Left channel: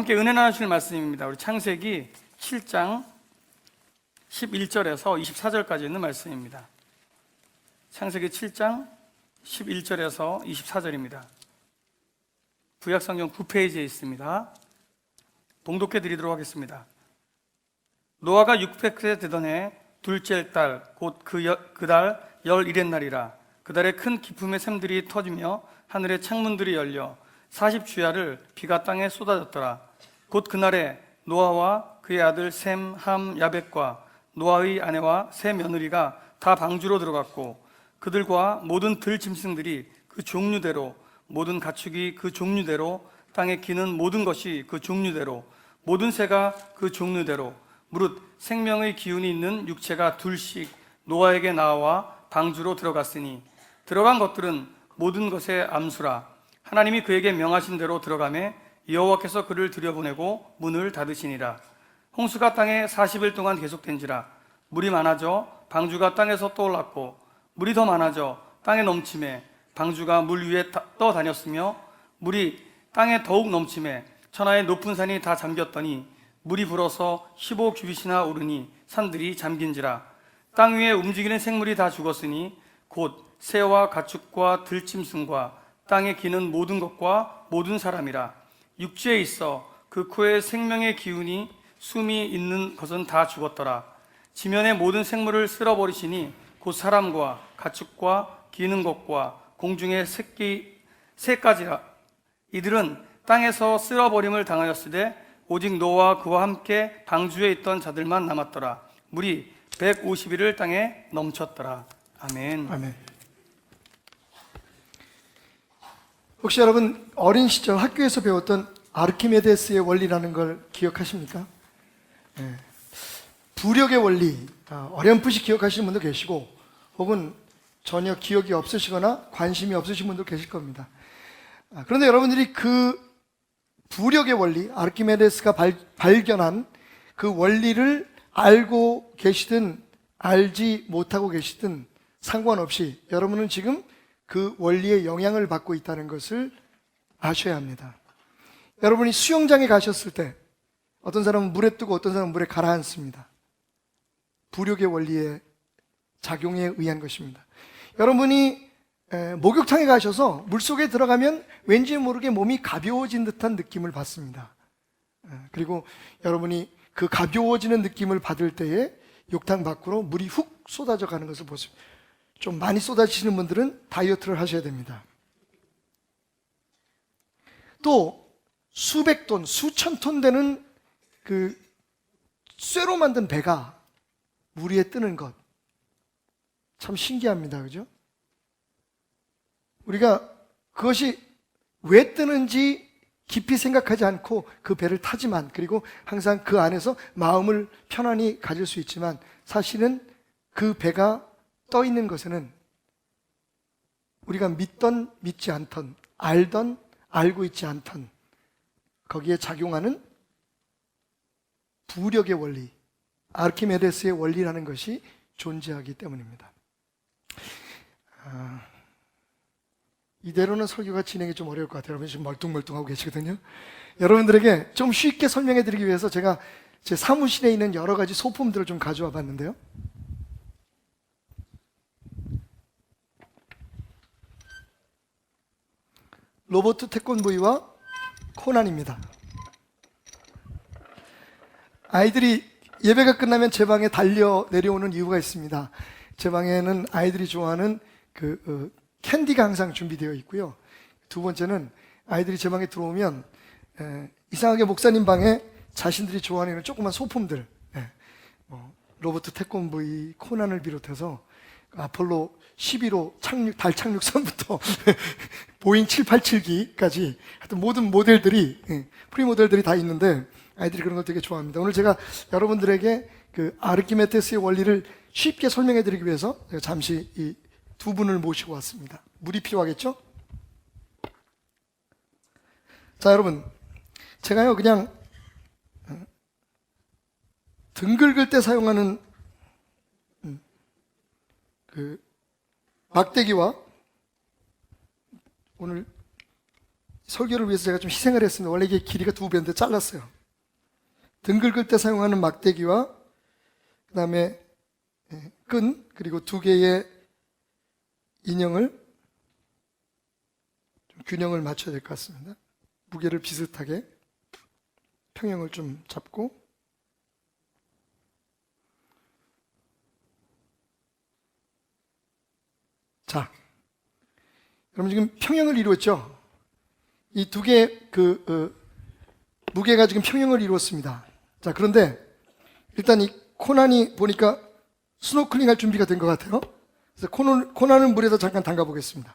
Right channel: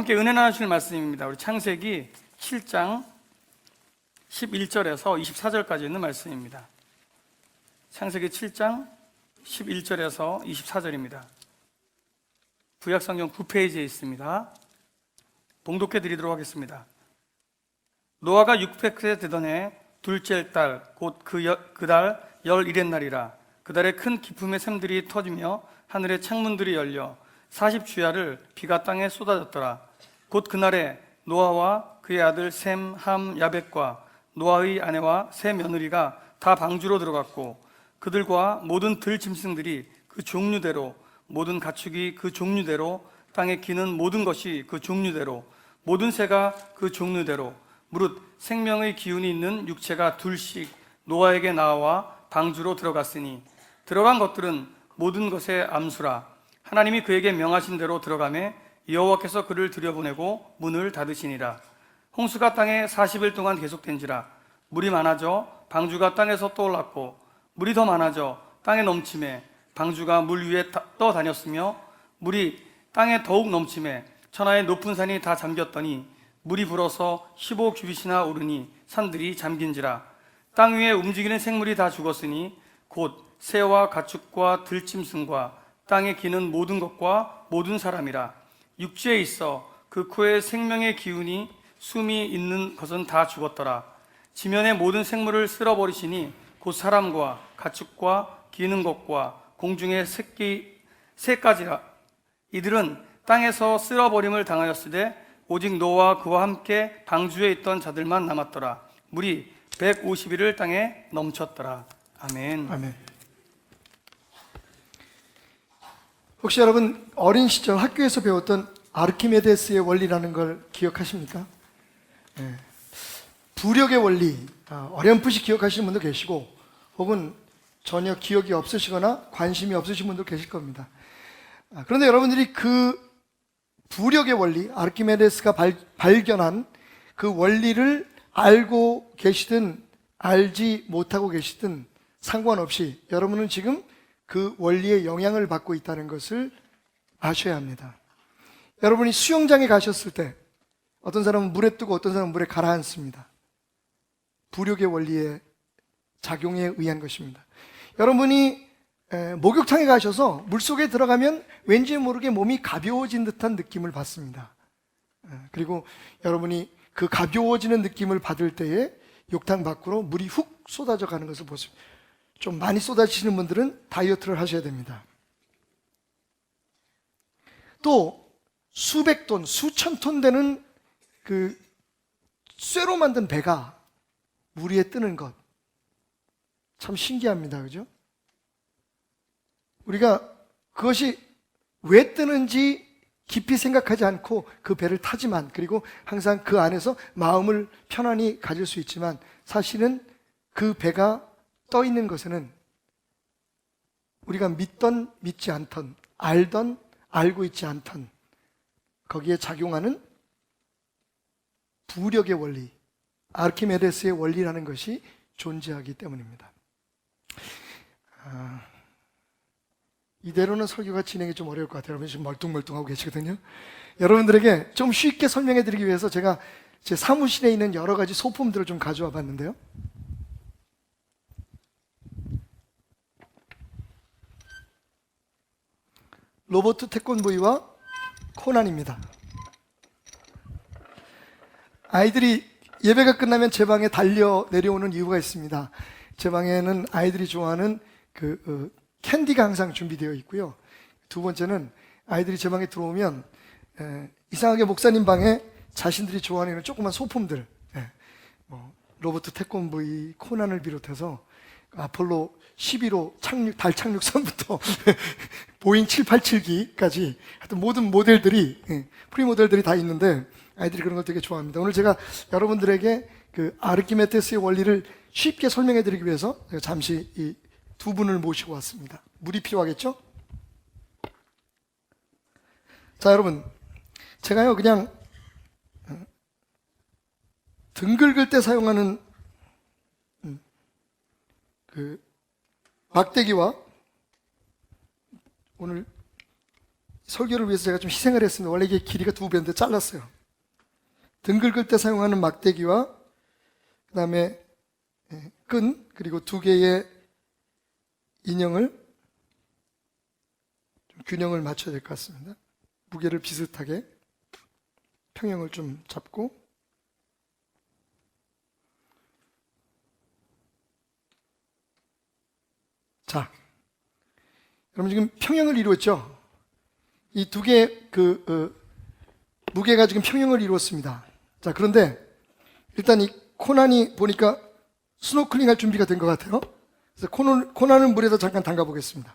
함께 은혜 나누실 말씀입니다. 우리 창세기 7장 11절에서 24절까지 있는 말씀입니다. 창세기 7장 11절에서 24절입니다. 구약성경 9페이지에 있습니다. 봉독해 드리도록 하겠습니다. 노아가 600세 되던 해 둘째 달 곧 그 달 11의 날이라. 그 달에 큰 기품의 샘들이 터지며 하늘의 창문들이 열려 40주야를 비가 땅에 쏟아졌더라. 곧 그날에 노아와 그의 아들 셈, 함, 야벳과 노아의 아내와 세 며느리가 다 방주로 들어갔고 그들과 모든 들짐승들이 그 종류대로, 모든 가축이 그 종류대로, 땅에 기는 모든 것이 그 종류대로, 모든 새가 그 종류대로, 무릇 생명의 기운이 있는 육체가 둘씩 노아에게 나와 방주로 들어갔으니 들어간 것들은 모든 것의 암수라. 하나님이 그에게 명하신 대로 들어가매 여호와께서 그를 들여보내고 문을 닫으시니라. 홍수가 땅에 40일 동안 계속된지라. 물이 많아져 방주가 땅에서 떠올랐고 물이 더 많아져 땅에 넘침에 방주가 물 위에 떠다녔으며 물이 땅에 더욱 넘침에 천하의 높은 산이 다 잠겼더니 물이 불어서 15규빗이나 오르니 산들이 잠긴지라. 땅 위에 움직이는 생물이 다 죽었으니 곧 새와 가축과 들짐승과 땅에 기는 모든 것과 모든 사람이라. 육지에 있어 그 코에 생명의 기운이 숨이 있는 것은 다 죽었더라. 지면의 모든 생물을 쓸어버리시니 곧 사람과 가축과 기는 것과 공중의 새까지라. 이들은 땅에서 쓸어버림을 당하였으되 오직 노아와 그와 함께 방주에 있던 자들만 남았더라. 물이 150일을 땅에 넘쳤더라. 아멘. 아멘. 혹시 여러분 어린 시절 학교에서 배웠던 아르키메데스의 원리라는 걸 기억하십니까? 네. 부력의 원리, 어렴풋이 기억하시는 분도 계시고 혹은 전혀 기억이 없으시거나 관심이 없으신 분도 계실 겁니다. 그런데 여러분들이 그 부력의 원리, 아르키메데스가 발견한 그 원리를 알고 계시든 알지 못하고 계시든 상관없이 여러분은 지금 그 원리의 영향을 받고 있다는 것을 아셔야 합니다. 여러분이 수영장에 가셨을 때 어떤 사람은 물에 뜨고 어떤 사람은 물에 가라앉습니다. 부력의 원리의 작용에 의한 것입니다. 여러분이 목욕탕에 가셔서 물속에 들어가면 왠지 모르게 몸이 가벼워진 듯한 느낌을 받습니다. 그리고 여러분이 그 가벼워지는 느낌을 받을 때에 욕탕 밖으로 물이 훅 쏟아져 가는 것을 보십니다. 좀 많이 쏟아지시는 분들은 다이어트를 하셔야 됩니다. 또 수백 톤, 수천 톤 되는 그 쇠로 만든 배가 물 위에 뜨는 것 참 신기합니다. 그죠? 우리가 그것이 왜 뜨는지 깊이 생각하지 않고 그 배를 타지만, 그리고 항상 그 안에서 마음을 편안히 가질 수 있지만 사실은 그 배가 떠 있는 것에는 우리가 믿던 믿지 않던, 알던 알고 있지 않던 거기에 작용하는 부력의 원리, 아르키메데스의 원리라는 것이 존재하기 때문입니다. 이대로는 설교가 진행이 좀 어려울 것 같아요. 여러분 지금 멀뚱멀뚱하고 계시거든요. 여러분들에게 좀 쉽게 설명해 드리기 위해서 제가 제 사무실에 있는 여러 가지 소품들을 좀 가져와 봤는데요. 로버트 태권브이와 코난입니다. 아이들이 예배가 끝나면 제 방에 달려 내려오는 이유가 있습니다. 제 방에는 아이들이 좋아하는 캔디가 항상 준비되어 있고요. 두 번째는 아이들이 제 방에 들어오면 이상하게 목사님 방에 자신들이 좋아하는 조그만 소품들, 로버트 태권브이, 코난을 비롯해서 아폴로 11호 달 착륙선부터 보잉 787기까지 하여튼 모든 모델들이, 프리모델들이 다 있는데 아이들이 그런 걸 되게 좋아합니다. 오늘 제가 여러분들에게 그 아르키메데스의 원리를 쉽게 설명해 드리기 위해서 제가 잠시 이 두 분을 모시고 왔습니다. 물이 필요하겠죠? 자, 여러분, 제가요 그냥 등 긁을 때 사용하는 그 막대기와 오늘 설교를 위해서 제가 좀 희생을 했습니다. 원래 이게 길이가 2배인데 잘랐어요. 등 긁을 때 사용하는 막대기와 그 다음에 끈 그리고 2개의 인형을 좀 균형을 맞춰야 될 것 같습니다. 무게를 비슷하게 평형을 좀 잡고 자, 여러분 지금 평형을 이루었죠? 이 2개의 무게가 지금 평형을 이루었습니다. 자, 그런데 일단 이 코난이 보니까 스노클링 할 준비가 된 것 같아요. 그래서 코난을 물에다 잠깐 담가 보겠습니다.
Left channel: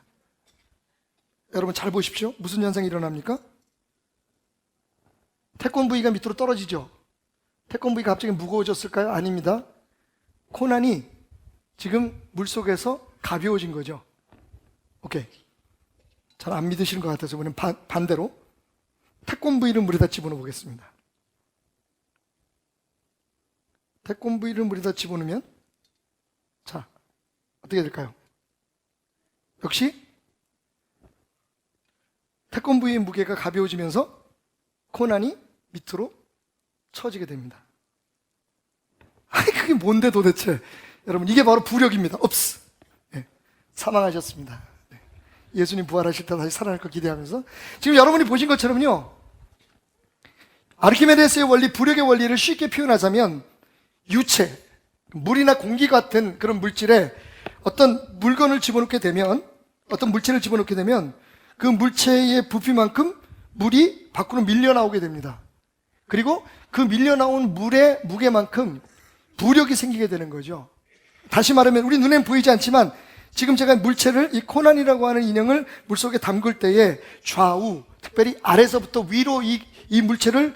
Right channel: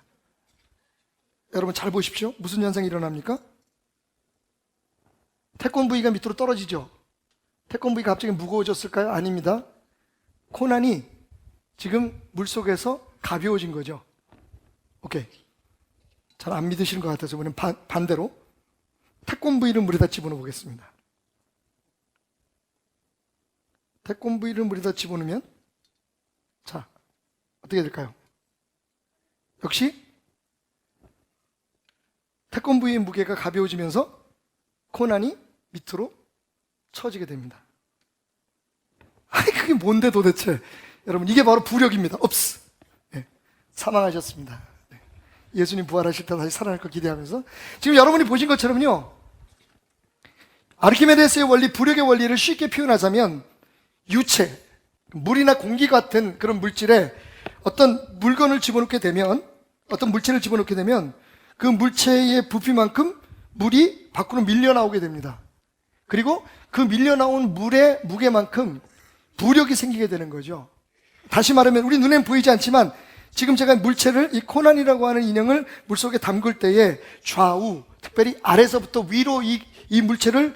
여러분 잘 보십시오. 무슨 현상이 일어납니까? 태권브이가 밑으로 떨어지죠. 태권브이가 갑자기 무거워졌을까요? 아닙니다. 코난이 지금 물속에서 가벼워진 거죠. 오케이. 잘 안 믿으시는 것 같아서 이번엔 반대로 태권브이를 물에다 집어넣어 보겠습니다. 태권브이를 물에다 집어넣으면 자, 어떻게 될까요? 역시 태권브이의 무게가 가벼워지면서 코난이 밑으로 처지게 됩니다. 아니 그게 뭔데 도대체. 여러분 이게 바로 부력입니다. 옵스. 네, 사망하셨습니다. 네, 예수님 부활하실 때 다시 살아날 걸 기대하면서 지금 여러분이 보신 것처럼요, 아르키메데스의 원리, 부력의 원리를 쉽게 표현하자면 유체, 물이나 공기 같은 그런 물질에 어떤 물건을 집어넣게 되면, 어떤 물체를 집어넣게 되면 그 물체의 부피만큼 물이 밖으로 밀려나오게 됩니다. 그리고 그 밀려나온 물의 무게만큼 부력이 생기게 되는 거죠. 다시 말하면 우리 눈엔 보이지 않지만 지금 제가 물체를, 이 코난이라고 하는 인형을 물속에 담글 때에 좌우, 특별히 아래서부터 위로 이 물체를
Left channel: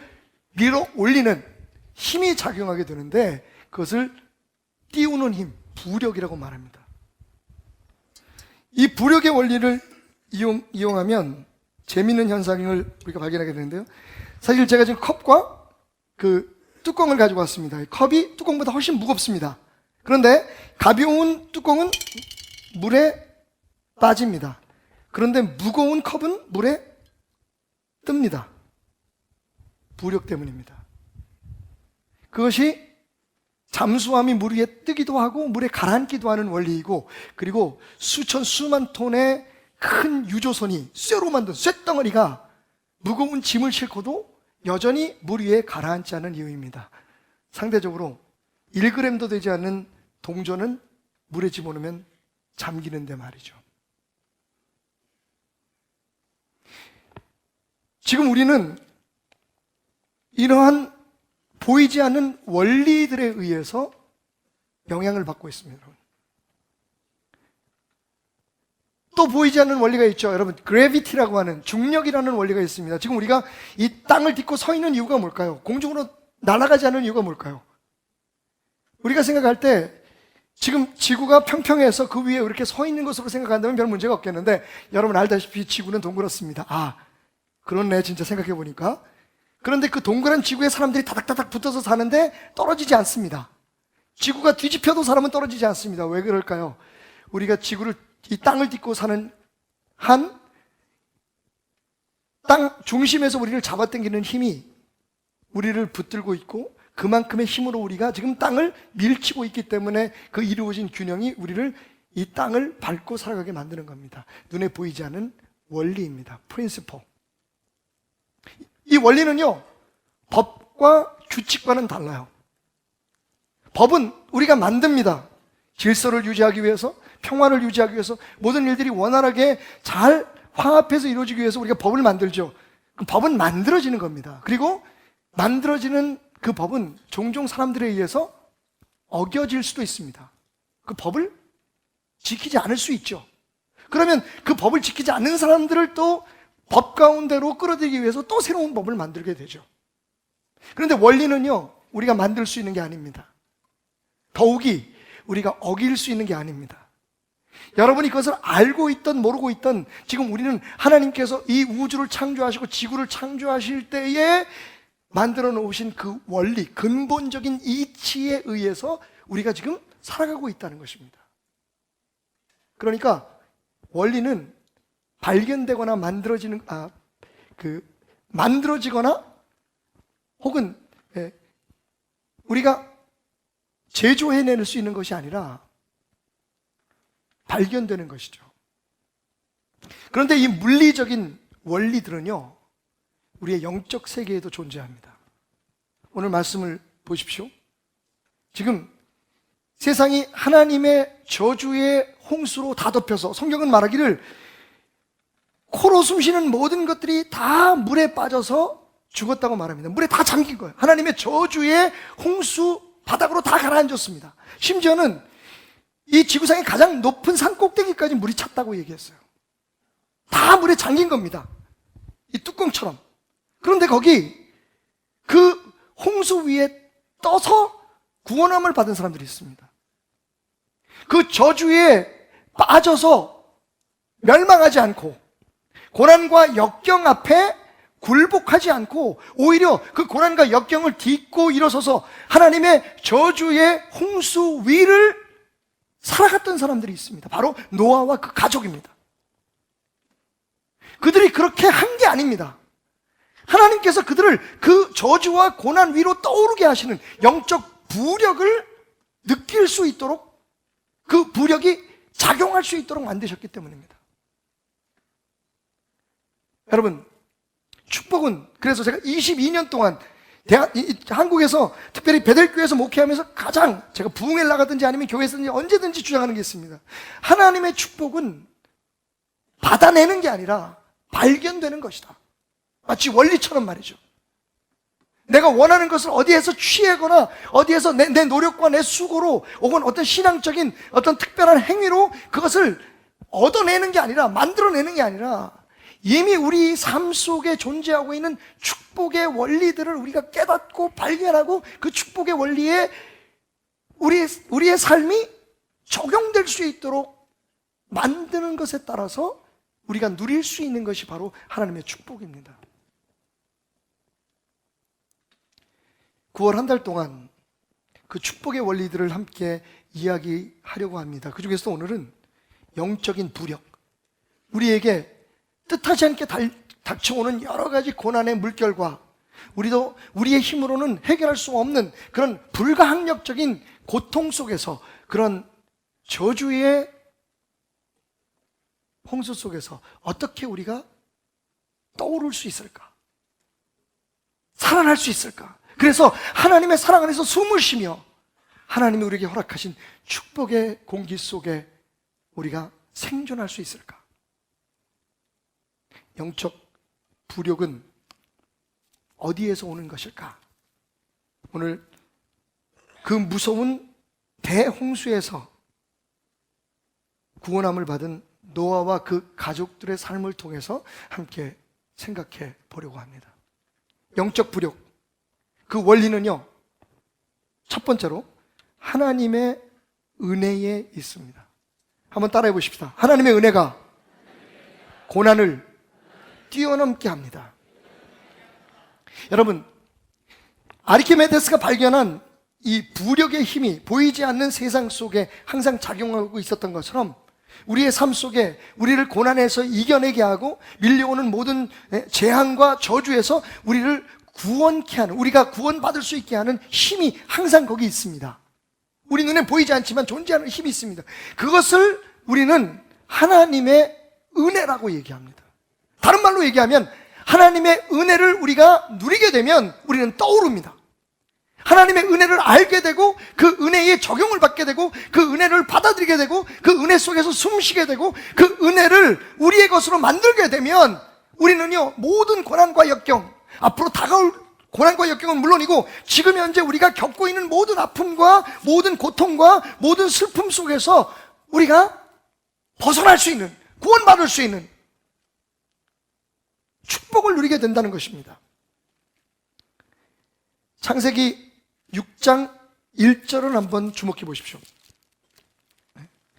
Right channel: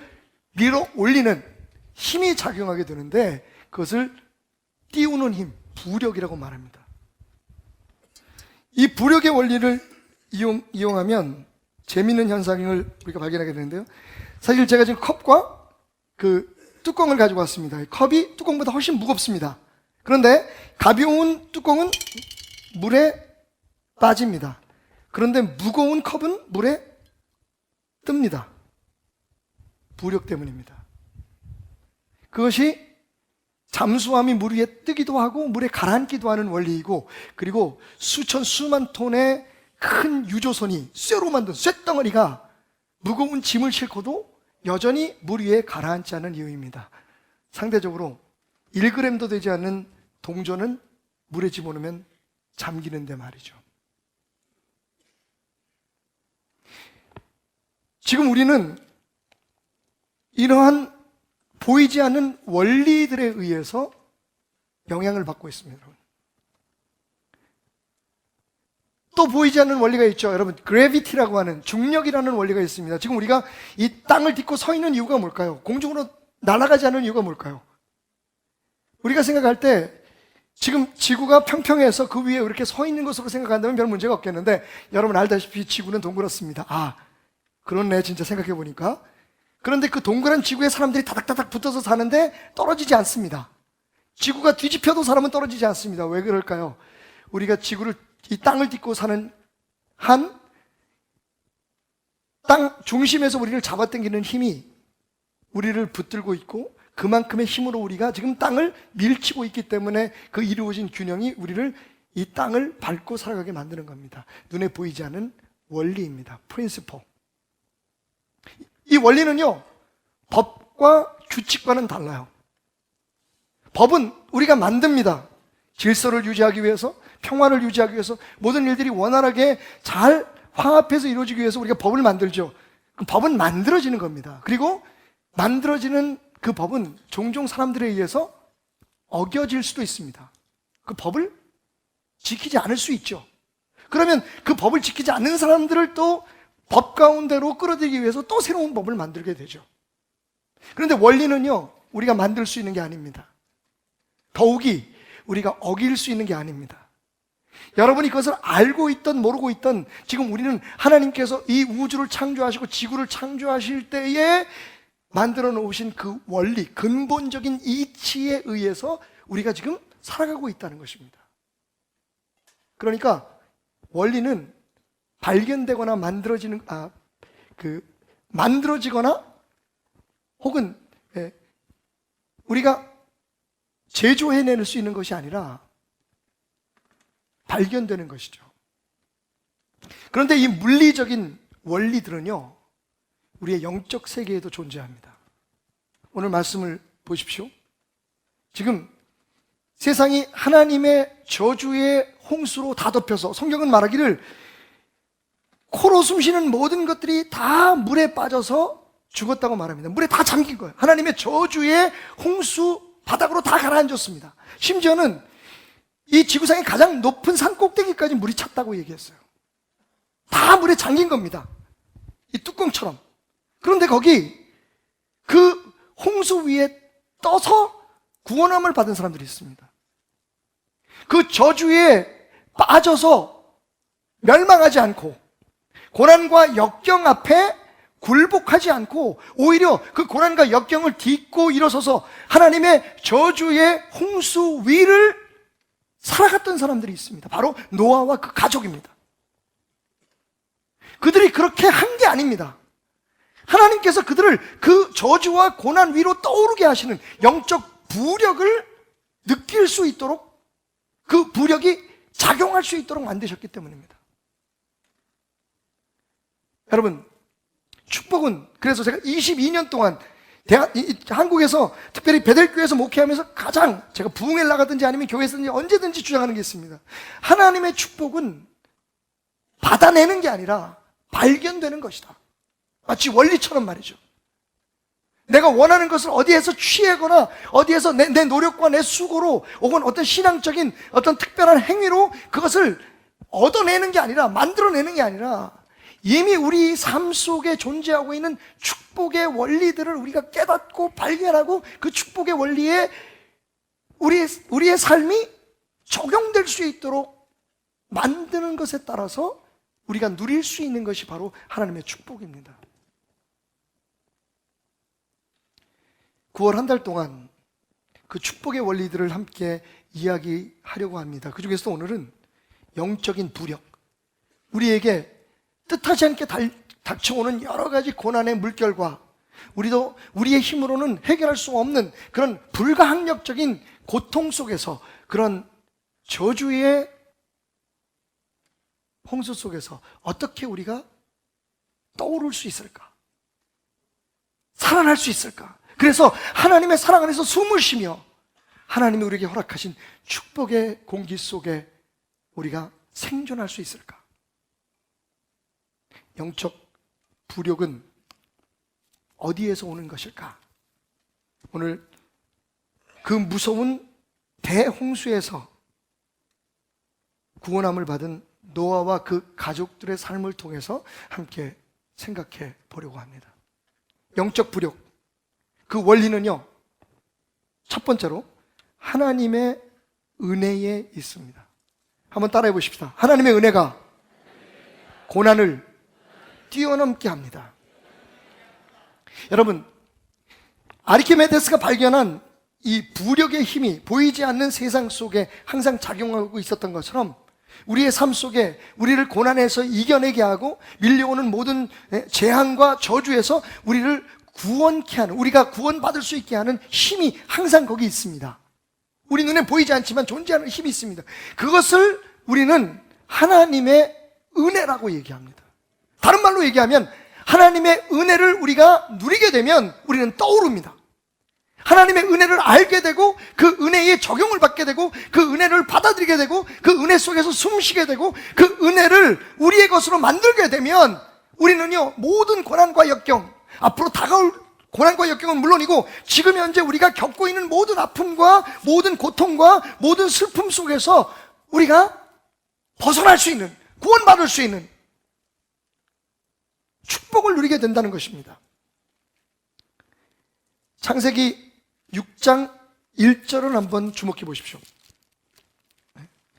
밀어 올리는 힘이 작용하게 되는데 그것을 띄우는 힘, 부력이라고 말합니다. 이 부력의 원리를 이용하면 재미있는 현상을 우리가 발견하게 되는데요. 사실 제가 지금 컵과 그 뚜껑을 가지고 왔습니다. 컵이 뚜껑보다 훨씬 무겁습니다. 그런데 가벼운 뚜껑은 물에 빠집니다. 그런데 무거운 컵은 물에 뜹니다. 부력 때문입니다. 그것이 잠수함이 물 위에 뜨기도 하고 물에 가라앉기도 하는 원리이고, 그리고 수만 톤의 큰 유조선이 쇠로 만든 쇳덩어리가 무거운 짐을 싣고도 여전히 물 위에 가라앉지 않은 이유입니다. 상대적으로 1g도 되지 않는 동전은 물에 집어넣으면 잠기는데 말이죠. 지금 우리는 이러한 보이지 않는 원리들에 의해서 영향을 받고 있습니다. 또 보이지 않는 원리가 있죠. 여러분, 그래비티라고 하는 중력이라는 원리가 있습니다. 지금 우리가 이 땅을 딛고 서 있는 이유가 뭘까요? 공중으로 날아가지 않는 이유가 뭘까요? 우리가 생각할 때 지금 지구가 평평해서 그 위에 이렇게 서 있는 것으로 생각한다면 별 문제가 없겠는데, 여러분 알다시피 지구는 동그랗습니다. 아, 그렇네, 진짜 생각해 보니까. 그런데 그 동그란 지구에 사람들이 다닥다닥 붙어서 사는데 떨어지지 않습니다. 지구가 뒤집혀도 사람은 떨어지지 않습니다. 왜 그럴까요? 우리가 이 땅을 딛고 사는 한 땅 중심에서 우리를 잡아당기는 힘이 우리를 붙들고 있고, 그만큼의 힘으로 우리가 지금 땅을 밀치고 있기 때문에 그 이루어진 균형이 우리를 이 땅을 밟고 살아가게 만드는 겁니다. 눈에 보이지 않는 원리입니다. 프린시플. 이 원리는요, 법과 규칙과는 달라요. 법은 우리가 만듭니다. 질서를 유지하기 위해서, 평화를 유지하기 위해서, 모든 일들이 원활하게 잘 화합해서 이루어지기 위해서 우리가 법을 만들죠. 그 법은 만들어지는 겁니다. 그리고 만들어지는 그 법은 종종 사람들에 의해서 어겨질 수도 있습니다. 그 법을 지키지 않을 수 있죠. 그러면 그 법을 지키지 않는 사람들을 또 법 가운데로 끌어들이기 위해서 또 새로운 법을 만들게 되죠. 그런데 원리는요, 우리가 만들 수 있는 게 아닙니다. 더욱이 우리가 어길 수 있는 게 아닙니다. 여러분이 그것을 알고 있던 모르고 있던, 지금 우리는 하나님께서 이 우주를 창조하시고 지구를 창조하실 때에 만들어 놓으신 그 원리, 근본적인 이치에 의해서 우리가 지금 살아가고 있다는 것입니다. 그러니까 원리는 발견되거나 만들어지거나 혹은 우리가 제조해낼 수 있는 것이 아니라 발견되는 것이죠. 그런데 이 물리적인 원리들은요, 우리의 영적 세계에도 존재합니다. 오늘 말씀을 보십시오. 지금 세상이 하나님의 저주의 홍수로 다 덮여서 성경은 말하기를 코로 숨쉬는 모든 것들이 다 물에 빠져서 죽었다고 말합니다. 물에 다 잠긴 거예요. 하나님의 저주의 홍수 바닥으로 다 가라앉았습니다. 심지어는 이 지구상의 가장 높은 산 꼭대기까지 물이 찼다고 얘기했어요. 다 물에 잠긴 겁니다. 이 뚜껑처럼. 그런데 거기 그 홍수 위에 떠서 구원함을 받은 사람들이 있습니다. 그 저주에 빠져서 멸망하지 않고 고난과 역경 앞에 굴복하지 않고 오히려 그 고난과 역경을 딛고 일어서서 하나님의 저주의 홍수 위를 살아갔던 사람들이 있습니다. 바로 노아와 그 가족입니다. 그들이 그렇게 한 게 아닙니다. 하나님께서 그들을 그 저주와 고난 위로 떠오르게 하시는 영적 부력을 느낄 수 있도록, 그 부력이 작용할 수 있도록 만드셨기 때문입니다. 여러분, 축복은, 그래서 제가 22년 동안 한국에서 특별히 베델교회에서 목회하면서 가장 제가 부흥회 나가든지 아니면 교회에서든지 언제든지 주장하는 게 있습니다. 하나님의 축복은 받아내는 게 아니라 발견되는 것이다. 마치 원리처럼 말이죠. 내가 원하는 것을 어디에서 취하거나 어디에서 내 노력과 내 수고로 혹은 어떤 신앙적인 어떤 특별한 행위로 그것을 얻어내는 게 아니라, 만들어내는 게 아니라 이미 우리 삶 속에 존재하고 있는 축복의 원리들을 우리가 깨닫고 발견하고 그 축복의 원리에 우리의 삶이 적용될 수 있도록 만드는 것에 따라서 우리가 누릴 수 있는 것이 바로 하나님의 축복입니다. 9월 한 달 동안 그 축복의 원리들을 함께 이야기하려고 합니다. 그 중에서 오늘은 영적인 부력, 우리에게 뜻하지 않게 닥쳐오는 여러 가지 고난의 물결과 우리도 우리의 힘으로는 해결할 수 없는 그런 불가항력적인 고통 속에서, 그런 저주의 홍수 속에서 어떻게 우리가 떠오를 수 있을까? 살아날 수 있을까? 그래서 하나님의 사랑 안에서 숨을 쉬며 하나님이 우리에게 허락하신 축복의 공기 속에 우리가 생존할 수 있을까? 영적 부력은 어디에서 오는 것일까? 오늘 그 무서운 대홍수에서 구원함을 받은 노아와 그 가족들의 삶을 통해서 함께 생각해 보려고 합니다. 영적 부력, 그 원리는요, 첫 번째로 하나님의 은혜에 있습니다. 한번 따라해 보십시다. 하나님의 은혜가 고난을 뛰어넘게 합니다. 여러분, 아르키메데스가 발견한 이 부력의 힘이 보이지 않는 세상 속에 항상 작용하고 있었던 것처럼 우리의 삶 속에 우리를 고난에서 이겨내게 하고 밀려오는 모든 재앙과 저주에서 우리를 구원케 하는, 우리가 구원받을 수 있게 하는 힘이 항상 거기 있습니다. 우리 눈에 보이지 않지만 존재하는 힘이 있습니다. 그것을 우리는 하나님의 은혜라고 얘기합니다. 다른 말로 얘기하면 하나님의 은혜를 우리가 누리게 되면 우리는 떠오릅니다. 하나님의 은혜를 알게 되고 그 은혜에 적용을 받게 되고 그 은혜를 받아들이게 되고 그 은혜 속에서 숨쉬게 되고 그 은혜를 우리의 것으로 만들게 되면 우리는요, 모든 고난과 역경, 앞으로 다가올 고난과 역경은 물론이고 지금 현재 우리가 겪고 있는 모든 아픔과 모든 고통과 모든 슬픔 속에서 우리가 벗어날 수 있는, 구원받을 수 있는 축복을 누리게 된다는 것입니다. 창세기 6장 1절을 한번 주목해 보십시오.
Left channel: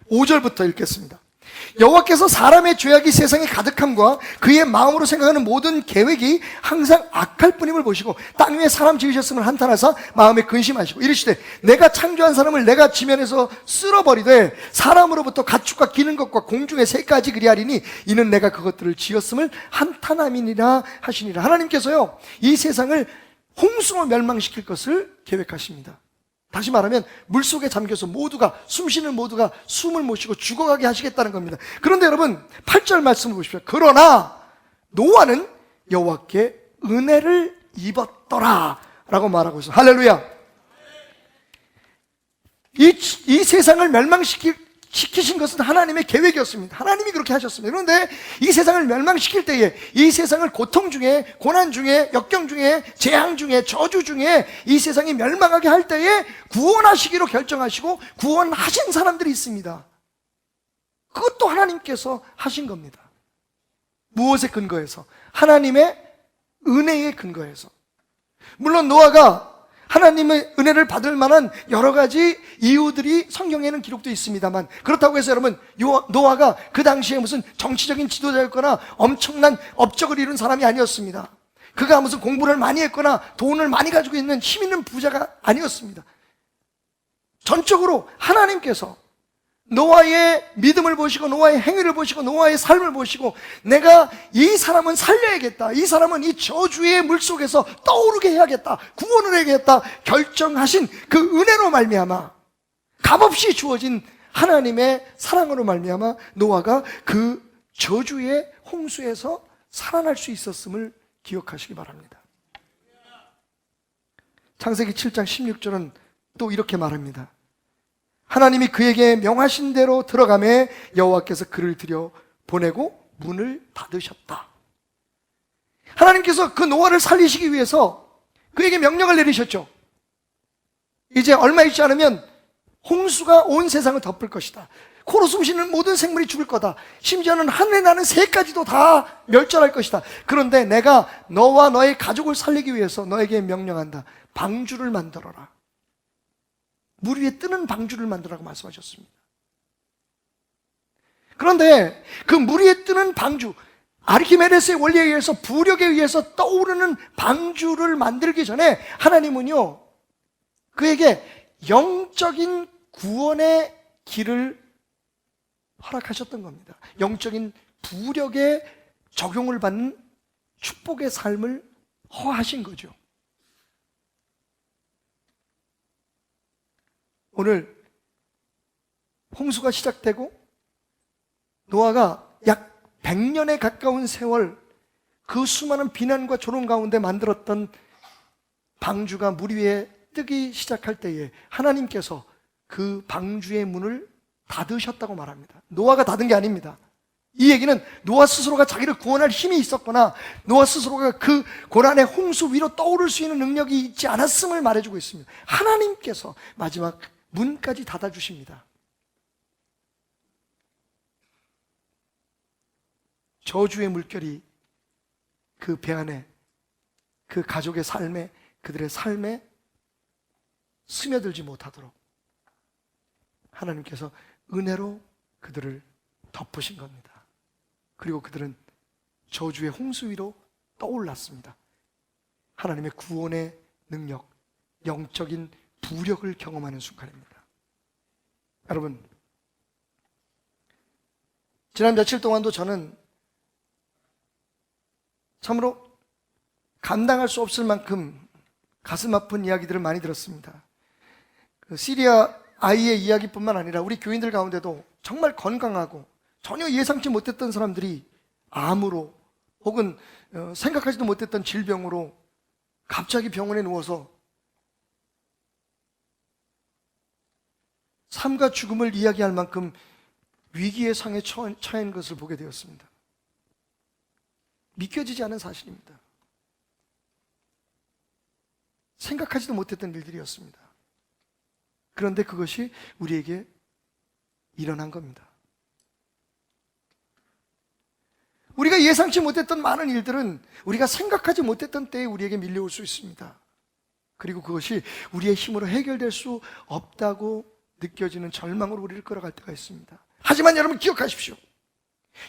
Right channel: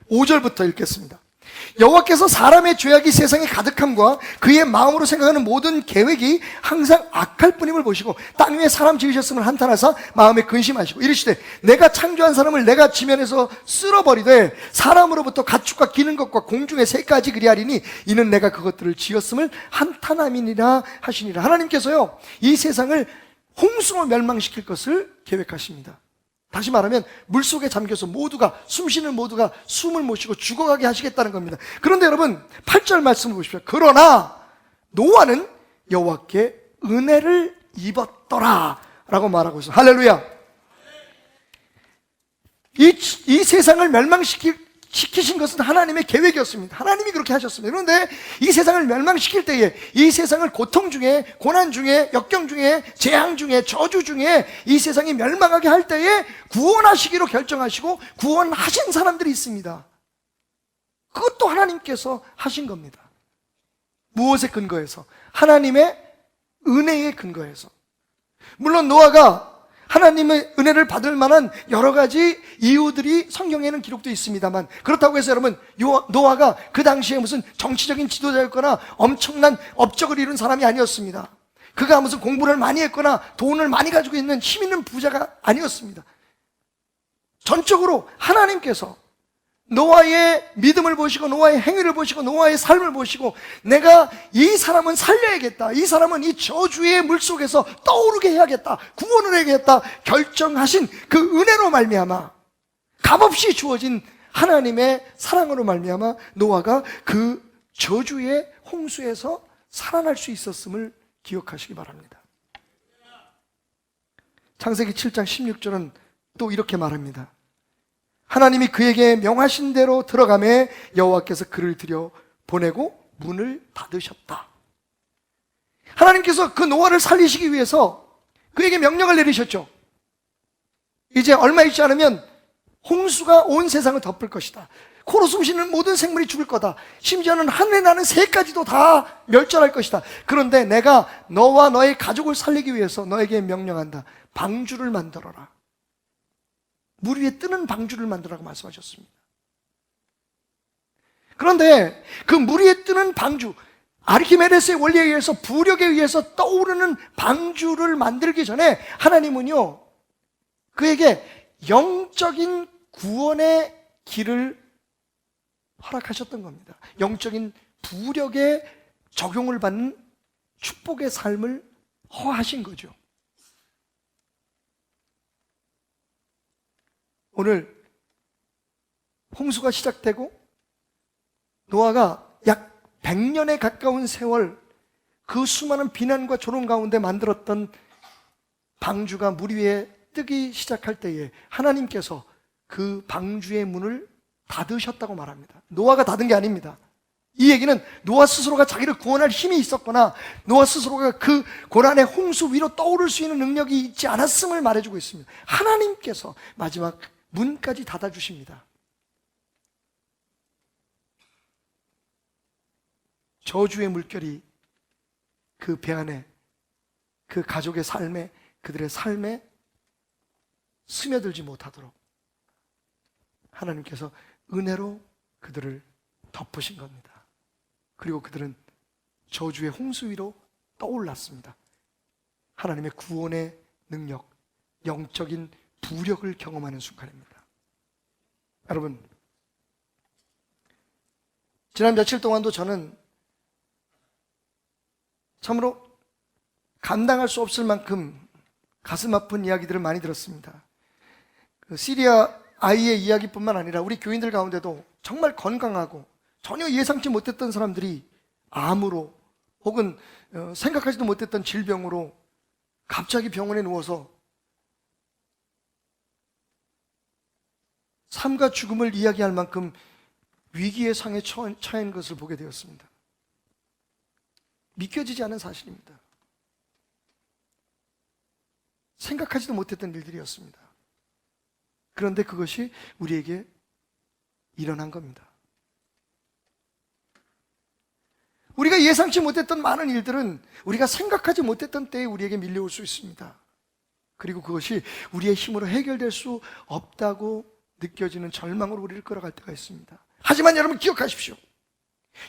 5절부터 읽겠습니다. 여호와께서 사람의 죄악이 세상에 가득함과 그의 마음으로 생각하는 모든 계획이 항상 악할 뿐임을 보시고 땅 위에 사람 지으셨음을 한탄하사 마음에 근심하시고 이르시되 내가 창조한 사람을 내가 지면에서 쓸어버리되 사람으로부터 가축과 기는 것과 공중의 새까지 그리하리니 이는 내가 그것들을 지었음을 한탄함이니라 하시니라. 하나님께서요, 이 세상을 홍수로 멸망시킬 것을 계획하십니다. 다시 말하면 물속에 잠겨서 모두가, 숨쉬는 모두가 숨을 못 쉬고 죽어가게 하시겠다는 겁니다. 그런데 여러분 8절 말씀을 보십시오. 그러나 노아는 여호와께 은혜를 입었더라 라고 말하고 있어요. 할렐루야. 이 세상을 멸망시키신 것은 하나님의 계획이었습니다. 하나님이 그렇게 하셨습니다. 그런데 이 세상을 멸망시킬 때에, 이 세상을 고통 중에, 고난 중에, 역경 중에, 재앙 중에, 저주 중에 이 세상이 멸망하게 할 때에 구원하시기로 결정하시고 구원하신 사람들이 있습니다. 그것도 하나님께서 하신 겁니다. 무엇에 근거해서? 하나님의 은혜에 근거해서. 물론 노아가 하나님의 은혜를 받을 만한 여러 가지 이유들이 성경에는 기록되어 있습니다만, 그렇다고 해서 여러분, 노아가 그 당시에 무슨 정치적인 지도자였거나 엄청난 업적을 이룬 사람이 아니었습니다. 그가 무슨 공부를 많이 했거나 돈을 많이 가지고 있는 힘 있는 부자가 아니었습니다. 전적으로 하나님께서 노아의 믿음을 보시고 노아의 행위를 보시고 노아의 삶을 보시고 내가 이 사람은 살려야겠다, 이 사람은 이 저주의 물속에서 떠오르게 해야겠다, 구원을 해야겠다 결정하신 그 은혜로 말미암아, 값없이 주어진 하나님의 사랑으로 말미암아 노아가 그 저주의 홍수에서 살아날 수 있었음을 기억하시기 바랍니다. 창세기 7장 16절은 또 이렇게 말합니다. 하나님이 그에게 명하신 대로 들어가매 여호와께서 그를 들여 보내고 문을 닫으셨다. 하나님께서 그 노아를 살리시기 위해서 그에게 명령을 내리셨죠. 이제 얼마 있지 않으면 홍수가 온 세상을 덮을 것이다. 코로 숨쉬는 모든 생물이 죽을 거다. 심지어는 하늘에 나는 새까지도 다 멸절할 것이다. 그런데 내가 너와 너의 가족을 살리기 위해서 너에게 명령한다. 방주를 만들어라. 물 위에 뜨는 방주를 만들라고 말씀하셨습니다. 그런데 그 물 위에 뜨는 방주, 아르키메데스의 원리에 의해서 부력에 의해서 떠오르는 방주를 만들기 전에 하나님은요, 그에게 영적인 구원의 길을 허락하셨던 겁니다. 영적인 부력에 적용을 받는 축복의 삶을 허하신 거죠. 오늘 홍수가 시작되고 노아가 약 100년에 가까운 세월 그 수많은 비난과 조롱 가운데 만들었던 방주가 물 위에 뜨기 시작할 때에 하나님께서 그 방주의 문을 닫으셨다고 말합니다. 노아가 닫은 게 아닙니다. 이 얘기는 노아 스스로가 자기를 구원할 힘이 있었거나 노아 스스로가 그 고난의 홍수 위로 떠오를 수 있는 능력이 있지 않았음을 말해주고 있습니다. 하나님께서 마지막 문까지 닫아주십니다. 저주의 물결이 그 배 안에, 그 가족의 삶에, 그들의 삶에 스며들지 못하도록 하나님께서 은혜로 그들을 덮으신 겁니다. 그리고 그들은 저주의 홍수 위로 떠올랐습니다. 하나님의 구원의 능력, 영적인 부력을 경험하는 순간입니다. 여러분, 지난 며칠 동안도 저는 참으로 감당할 수 없을 만큼 가슴 아픈 이야기들을 많이 들었습니다. 그 시리아 아이의 이야기뿐만 아니라 우리 교인들 가운데도 정말 건강하고 전혀 예상치 못했던 사람들이 암으로 혹은 생각하지도 못했던 질병으로 갑자기 병원에 누워서 삶과 죽음을 이야기할 만큼 위기의 상에 처한 것을 보게 되었습니다. 믿겨지지 않은 사실입니다. 생각하지도 못했던 일들이었습니다. 그런데 그것이 우리에게 일어난 겁니다. 우리가 예상치 못했던 많은 일들은 우리가 생각하지 못했던 때에 우리에게 밀려올 수 있습니다. 그리고 그것이 우리의 힘으로 해결될 수 없다고 느껴지는 절망으로 우리를 끌어갈 때가 있습니다. 하지만 여러분 기억하십시오.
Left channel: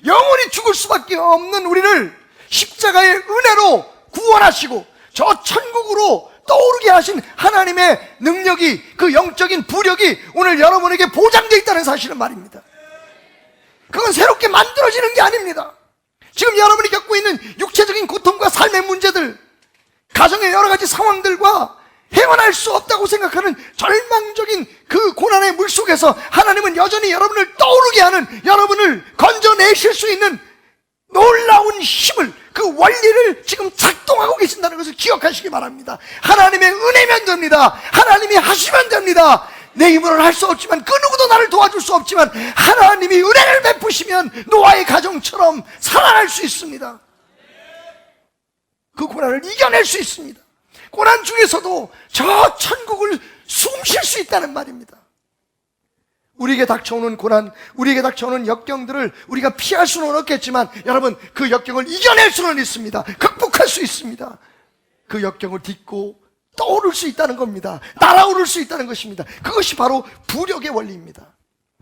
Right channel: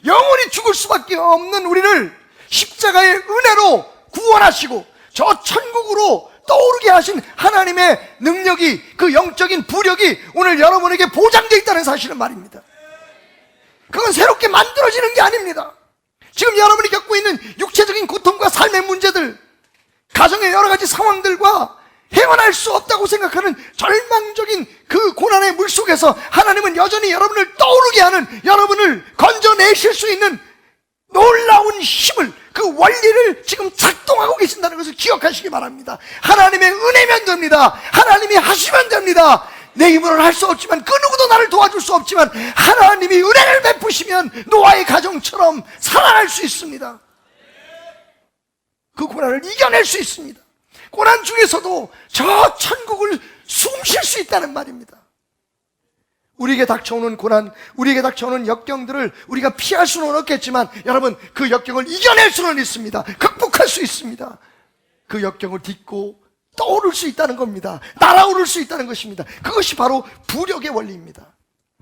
영원히 죽을 수밖에 없는 우리를 십자가의 은혜로 구원하시고 저 천국으로 떠오르게 하신 하나님의 능력이, 그 영적인 부력이 오늘 여러분에게 보장되어 있다는 사실은 말입니다. 그건 새롭게 만들어지는 게 아닙니다. 지금 여러분이 겪고 있는 육체적인 고통과 삶의 문제들, 가정의 여러 가지 상황들과 헤어날 수 없다고 생각하는 절망적인 그 고난의 물속에서 하나님은 여전히 여러분을 떠오르게 하는, 여러분을 건져내실 수 있는 놀라운 힘을, 그 원리를 지금 작동하고 계신다는 것을 기억하시기 바랍니다. 하나님의 은혜면 됩니다. 하나님이 하시면 됩니다. 내 힘으로는 할 수 없지만, 그 누구도 나를 도와줄 수 없지만 하나님이 은혜를 베푸시면 노아의 가정처럼 살아날 수 있습니다. 그 고난을 이겨낼 수 있습니다. 고난 중에서도 저 천국을 숨쉴 수 있다는 말입니다. 우리에게 닥쳐오는 고난, 우리에게 닥쳐오는 역경들을 우리가 피할 수는 없겠지만 여러분, 그 역경을 이겨낼 수는 있습니다. 극복할 수 있습니다. 그 역경을 딛고 떠오를 수 있다는 겁니다. 날아오를 수 있다는 것입니다. 그것이 바로 부력의 원리입니다.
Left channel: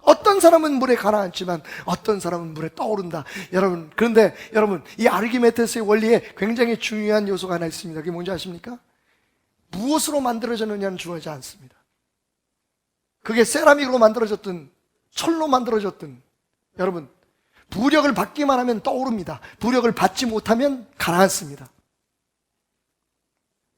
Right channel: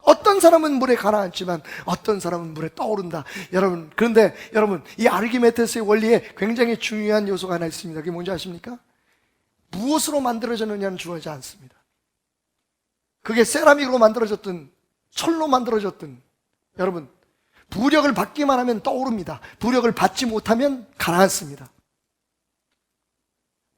어떤 사람은 물에 가라앉지만 어떤 사람은 물에 떠오른다. 여러분, 그런데 여러분, 이 아르키메데스의 원리에 굉장히 중요한 요소가 하나 있습니다. 그게 뭔지 아십니까? 무엇으로 만들어졌느냐는 중요하지 않습니다. 그게 세라믹으로 만들어졌든 철로 만들어졌든 여러분, 부력을 받기만 하면 떠오릅니다. 부력을 받지 못하면 가라앉습니다.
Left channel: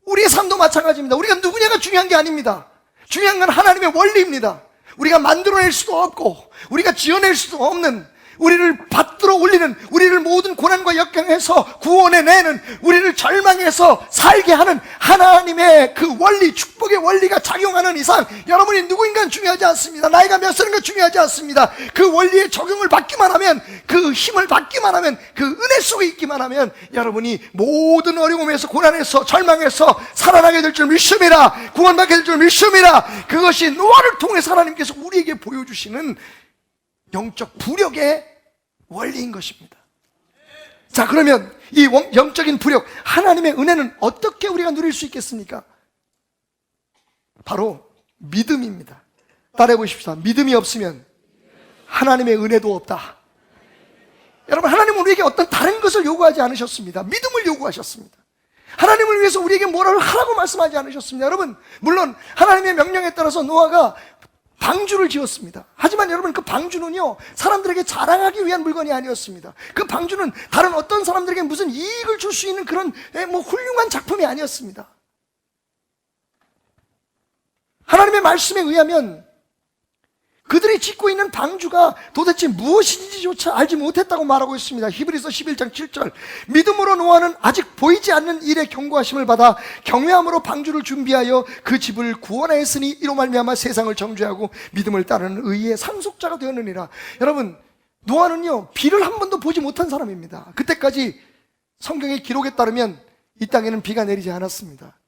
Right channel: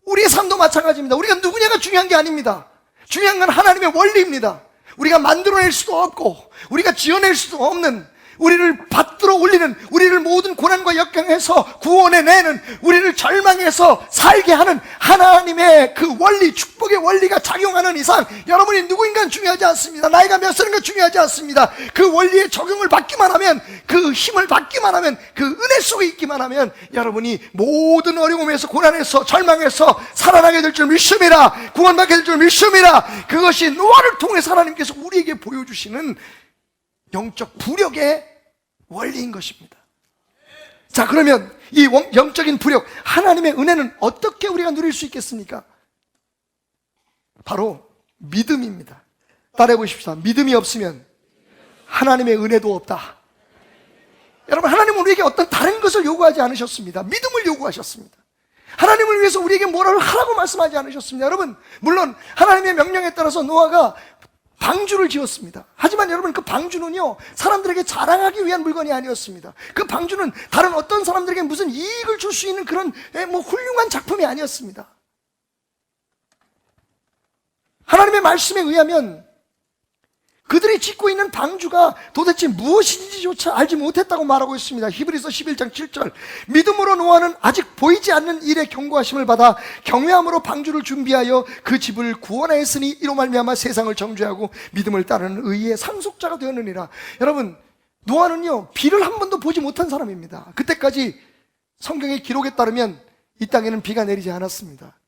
우리의 삶도 마찬가지입니다. 우리가 누구냐가 중요한 게 아닙니다. 중요한 건 하나님의 원리입니다. 우리가 만들어낼 수도 없고 우리가 지어낼 수도 없는, 우리를 받들어 올리는, 우리를 모든 고난과 역경에서 구원해내는, 우리를 절망에서 살게 하는 하나님의 그 원리, 축복의 원리가 작용하는 이상 여러분이 누구인가는 중요하지 않습니다. 나이가 몇 살인가 중요하지 않습니다. 그 원리에 적용을 받기만 하면, 그 힘을 받기만 하면, 그 은혜 속에 있기만 하면 여러분이 모든 어려움에서, 고난에서, 절망에서 살아나게 될 줄 믿습니다. 구원받게 될 줄 믿습니다. 그것이 노아를 통해서 하나님께서 우리에게 보여주시는 영적 부력의 원리인 것입니다. 자, 그러면 이 영적인 부력, 하나님의 은혜는 어떻게 우리가 누릴 수 있겠습니까? 바로 믿음입니다. 따라해 보십시오. 믿음이 없으면 하나님의 은혜도 없다. 여러분, 하나님은 우리에게 어떤 다른 것을 요구하지 않으셨습니다. 믿음을 요구하셨습니다. 하나님을 위해서 우리에게 뭐라를 하라고 말씀하지 않으셨습니다. 여러분, 물론 하나님의 명령에 따라서 노아가 방주를 지었습니다. 하지만 여러분, 그 방주는요, 사람들에게 자랑하기 위한 물건이 아니었습니다. 그 방주는 다른 어떤 사람들에게 무슨 이익을 줄 수 있는 그런 훌륭한 작품이 아니었습니다. 하나님의 말씀에 의하면 그들이 짓고 있는 방주가 도대체 무엇인지조차 알지 못했다고 말하고 있습니다. 히브리서 11장 7절, 믿음으로 노아는 아직 보이지 않는 일의 경고하심을 받아 경외함으로 방주를 준비하여 그 집을 구원하였으니 이로 말미암아 세상을 정죄하고 믿음을 따르는 의의 상속자가 되었느니라. 여러분, 노아는요, 비를 한 번도 보지 못한 사람입니다. 그때까지 성경의 기록에 따르면 이 땅에는 비가 내리지 않았습니다.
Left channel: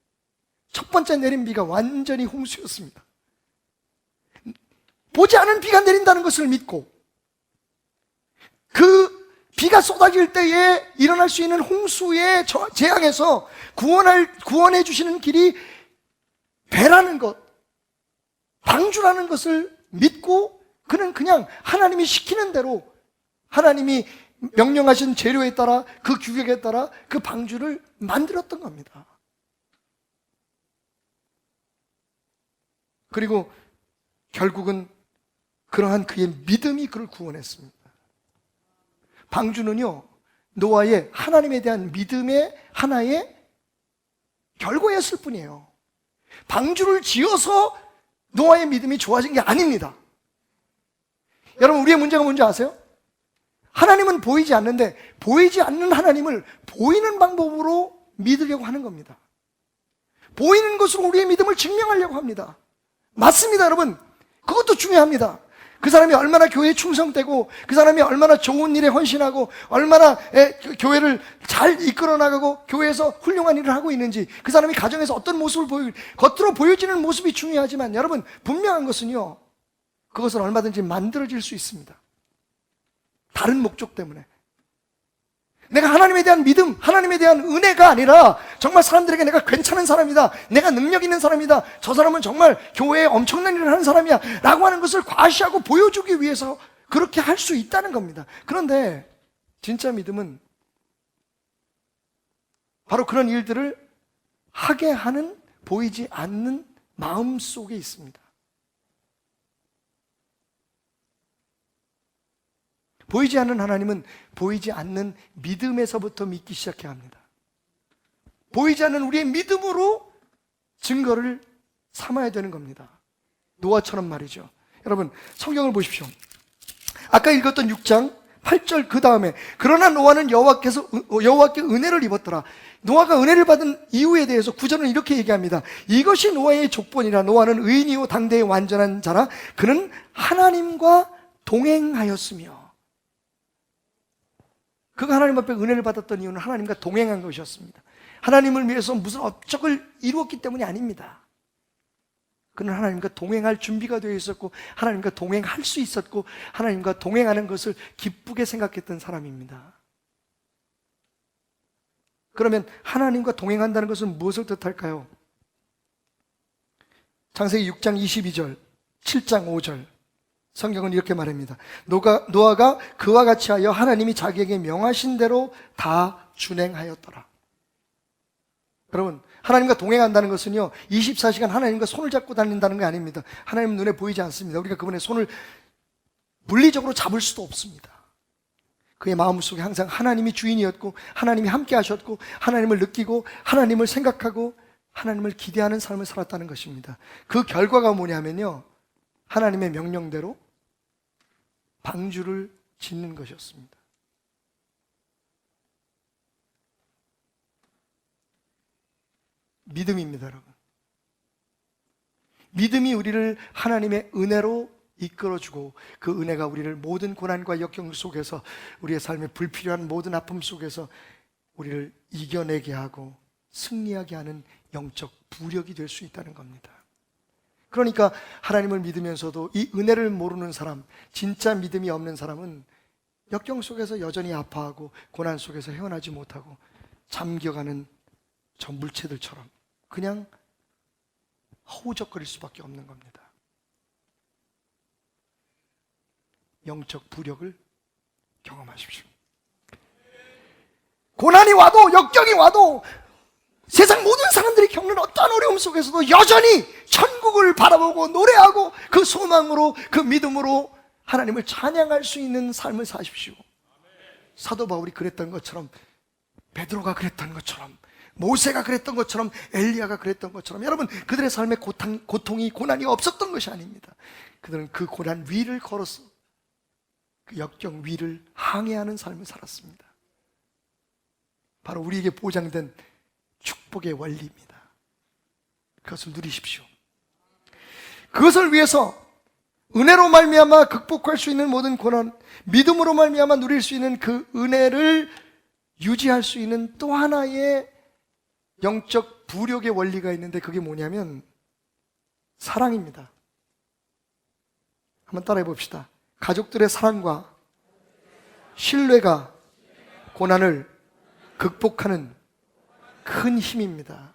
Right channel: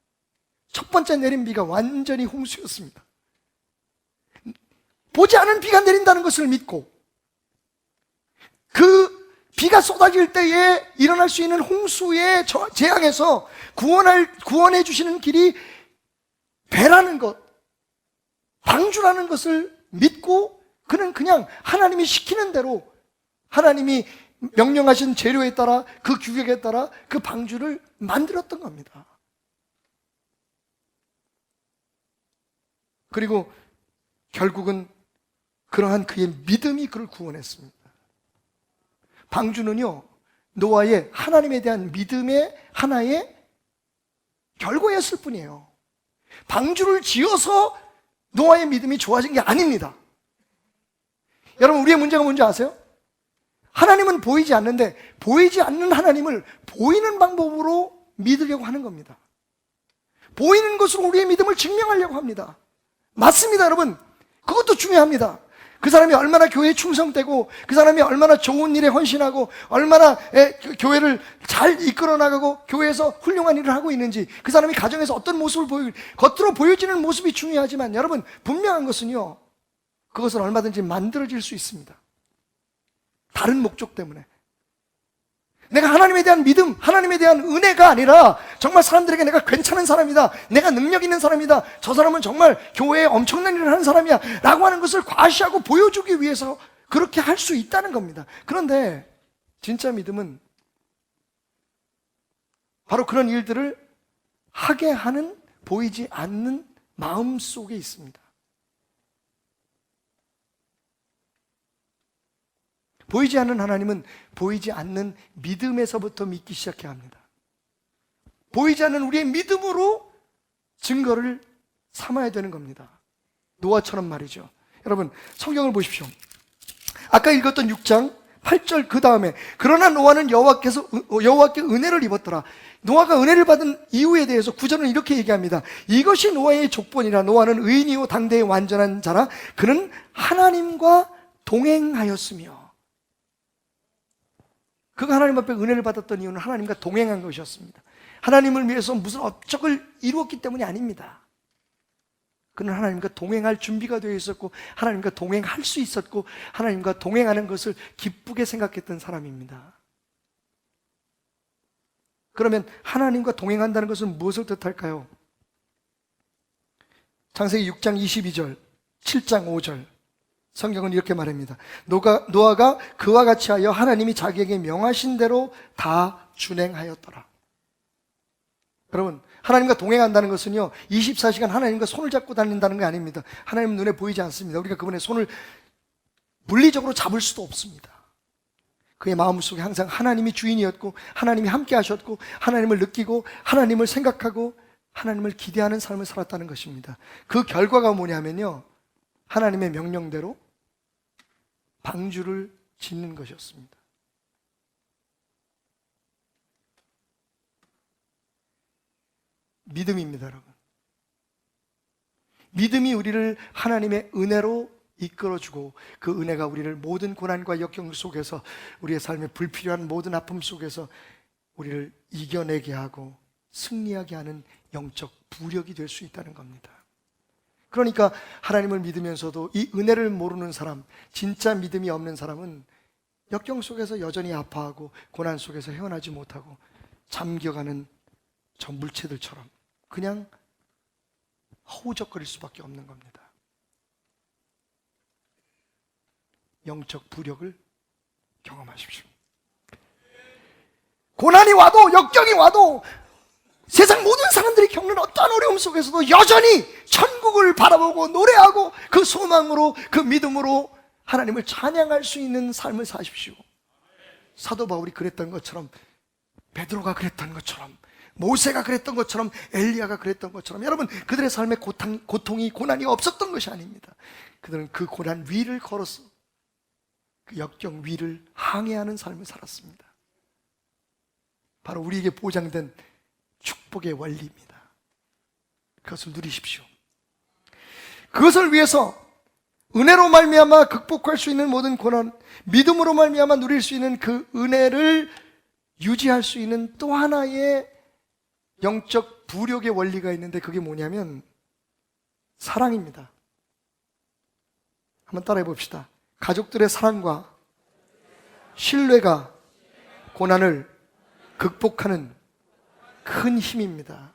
첫 번째 내린 비가 완전히 홍수였습니다. 보지 않은 비가 내린다는 것을 믿고 그 비가 쏟아질 때에 일어날 수 있는 홍수의 재앙에서 구원해 주시는 길이 배라는 것, 방주라는 것을 믿고 그는 그냥 하나님이 시키는 대로, 하나님이 명령하신 재료에 따라, 그 규격에 따라 그 방주를 만들었던 겁니다. 그리고 결국은 그러한 그의 믿음이 그를 구원했습니다. 방주는요, 노아의 하나님에 대한 믿음의 하나의 결과였을 뿐이에요. 방주를 지어서 노아의 믿음이 좋아진 게 아닙니다. 여러분, 우리의 문제가 뭔지 아세요? 하나님은 보이지 않는데 보이지 않는 하나님을 보이는 방법으로 믿으려고 하는 겁니다. 보이는 것으로 우리의 믿음을 증명하려고 합니다. 맞습니다, 여러분. 그것도 중요합니다. 그 사람이 얼마나 교회에 충성되고, 그 사람이 얼마나 좋은 일에 헌신하고, 얼마나 교회를 잘 이끌어 나가고 교회에서 훌륭한 일을 하고 있는지, 그 사람이 가정에서 어떤 모습을 겉으로 보여지는 모습이 중요하지만 여러분, 분명한 것은요, 그것은 얼마든지 만들어질 수 있습니다. 다른 목적 때문에. 내가 하나님에 대한 믿음, 하나님에 대한 은혜가 아니라 정말 사람들에게 내가 괜찮은 사람이다, 내가 능력 있는 사람이다, 저 사람은 정말 교회에 엄청난 일을 하는 사람이야 라고 하는 것을 과시하고 보여주기 위해서 그렇게 할 수 있다는 겁니다. 그런데 진짜 믿음은 바로 그런 일들을 하게 하는 보이지 않는 마음 속에 있습니다. 보이지 않는 하나님은 보이지 않는 믿음에서부터 믿기 시작해야 합니다. 보이지 않는 우리의 믿음으로 증거를 삼아야 되는 겁니다. 노아처럼 말이죠. 여러분 성경을 보십시오. 아까 읽었던 6장 8절 그 다음에 그러나 노아는 여호와께 은혜를 입었더라. 노아가 은혜를 받은 이유에 대해서 9절은 이렇게 얘기합니다. 이것이 노아의 족본이라. 노아는 의인이요 당대의 완전한 자라. 그는 하나님과 동행하였으며. 그가 하나님 앞에 은혜를 받았던 이유는 하나님과 동행한 것이었습니다. 하나님을 위해서 무슨 업적을 이루었기 때문이 아닙니다. 그는 하나님과 동행할 준비가 되어 있었고 하나님과 동행할 수 있었고 하나님과 동행하는 것을 기쁘게 생각했던 사람입니다. 그러면 하나님과 동행한다는 것은 무엇을 뜻할까요? 창세기 6장 22절, 7장 5절 성경은 이렇게 말합니다. 노아가 그와 같이 하여 하나님이 자기에게 명하신 대로 다 준행하였더라. 여러분 하나님과 동행한다는 것은요 24시간 하나님과 손을 잡고 다닌다는 게 아닙니다. 하나님 눈에 보이지 않습니다. 우리가 그분의 손을 물리적으로 잡을 수도 없습니다. 그의 마음속에 항상 하나님이 주인이었고 하나님이 함께 하셨고 하나님을 느끼고 하나님을 생각하고 하나님을 기대하는 삶을 살았다는 것입니다. 그 결과가 뭐냐면요 하나님의 명령대로 방주를 짓는 것이었습니다. 믿음입니다, 여러분. 믿음이 우리를 하나님의 은혜로 이끌어주고 그 은혜가 우리를 모든 고난과 역경 속에서 우리의 삶에 불필요한 모든 아픔 속에서 우리를 이겨내게 하고 승리하게 하는 영적 부력이 될 수 있다는 겁니다. 그러니까 하나님을 믿으면서도 이 은혜를 모르는 사람, 진짜 믿음이 없는 사람은 역경 속에서 여전히 아파하고 고난 속에서 헤어나지 못하고 잠겨가는 저 물체들처럼 그냥 허우적거릴 수밖에 없는 겁니다. 영적 부력을 경험하십시오. 고난이 와도 역경이 와도 세상 모든 사람들이 겪는 어떠한 어려움 속에서도 여전히 천국을 바라보고 노래하고 그 소망으로 그 믿음으로 하나님을 찬양할 수 있는 삶을 사십시오. 사도 바울이 그랬던 것처럼 베드로가 그랬던 것처럼 모세가 그랬던 것처럼 엘리야가 그랬던 것처럼 여러분 그들의 삶에 고통이 고난이 없었던 것이 아닙니다. 그들은 그 고난 위를 걸어서 그 역경 위를 항해하는 삶을 살았습니다. 바로 우리에게 보장된 축복의 원리입니다. 그것을 누리십시오. 그것을 위해서 은혜로 말미암아 극복할 수 있는 모든 고난, 믿음으로 말미암아 누릴 수 있는 그 은혜를 유지할 수 있는 또 하나의 영적 부력의 원리가 있는데 그게 뭐냐면 사랑입니다. 한번 따라해 봅시다. 가족들의 사랑과 신뢰가 고난을 극복하는 큰 힘입니다.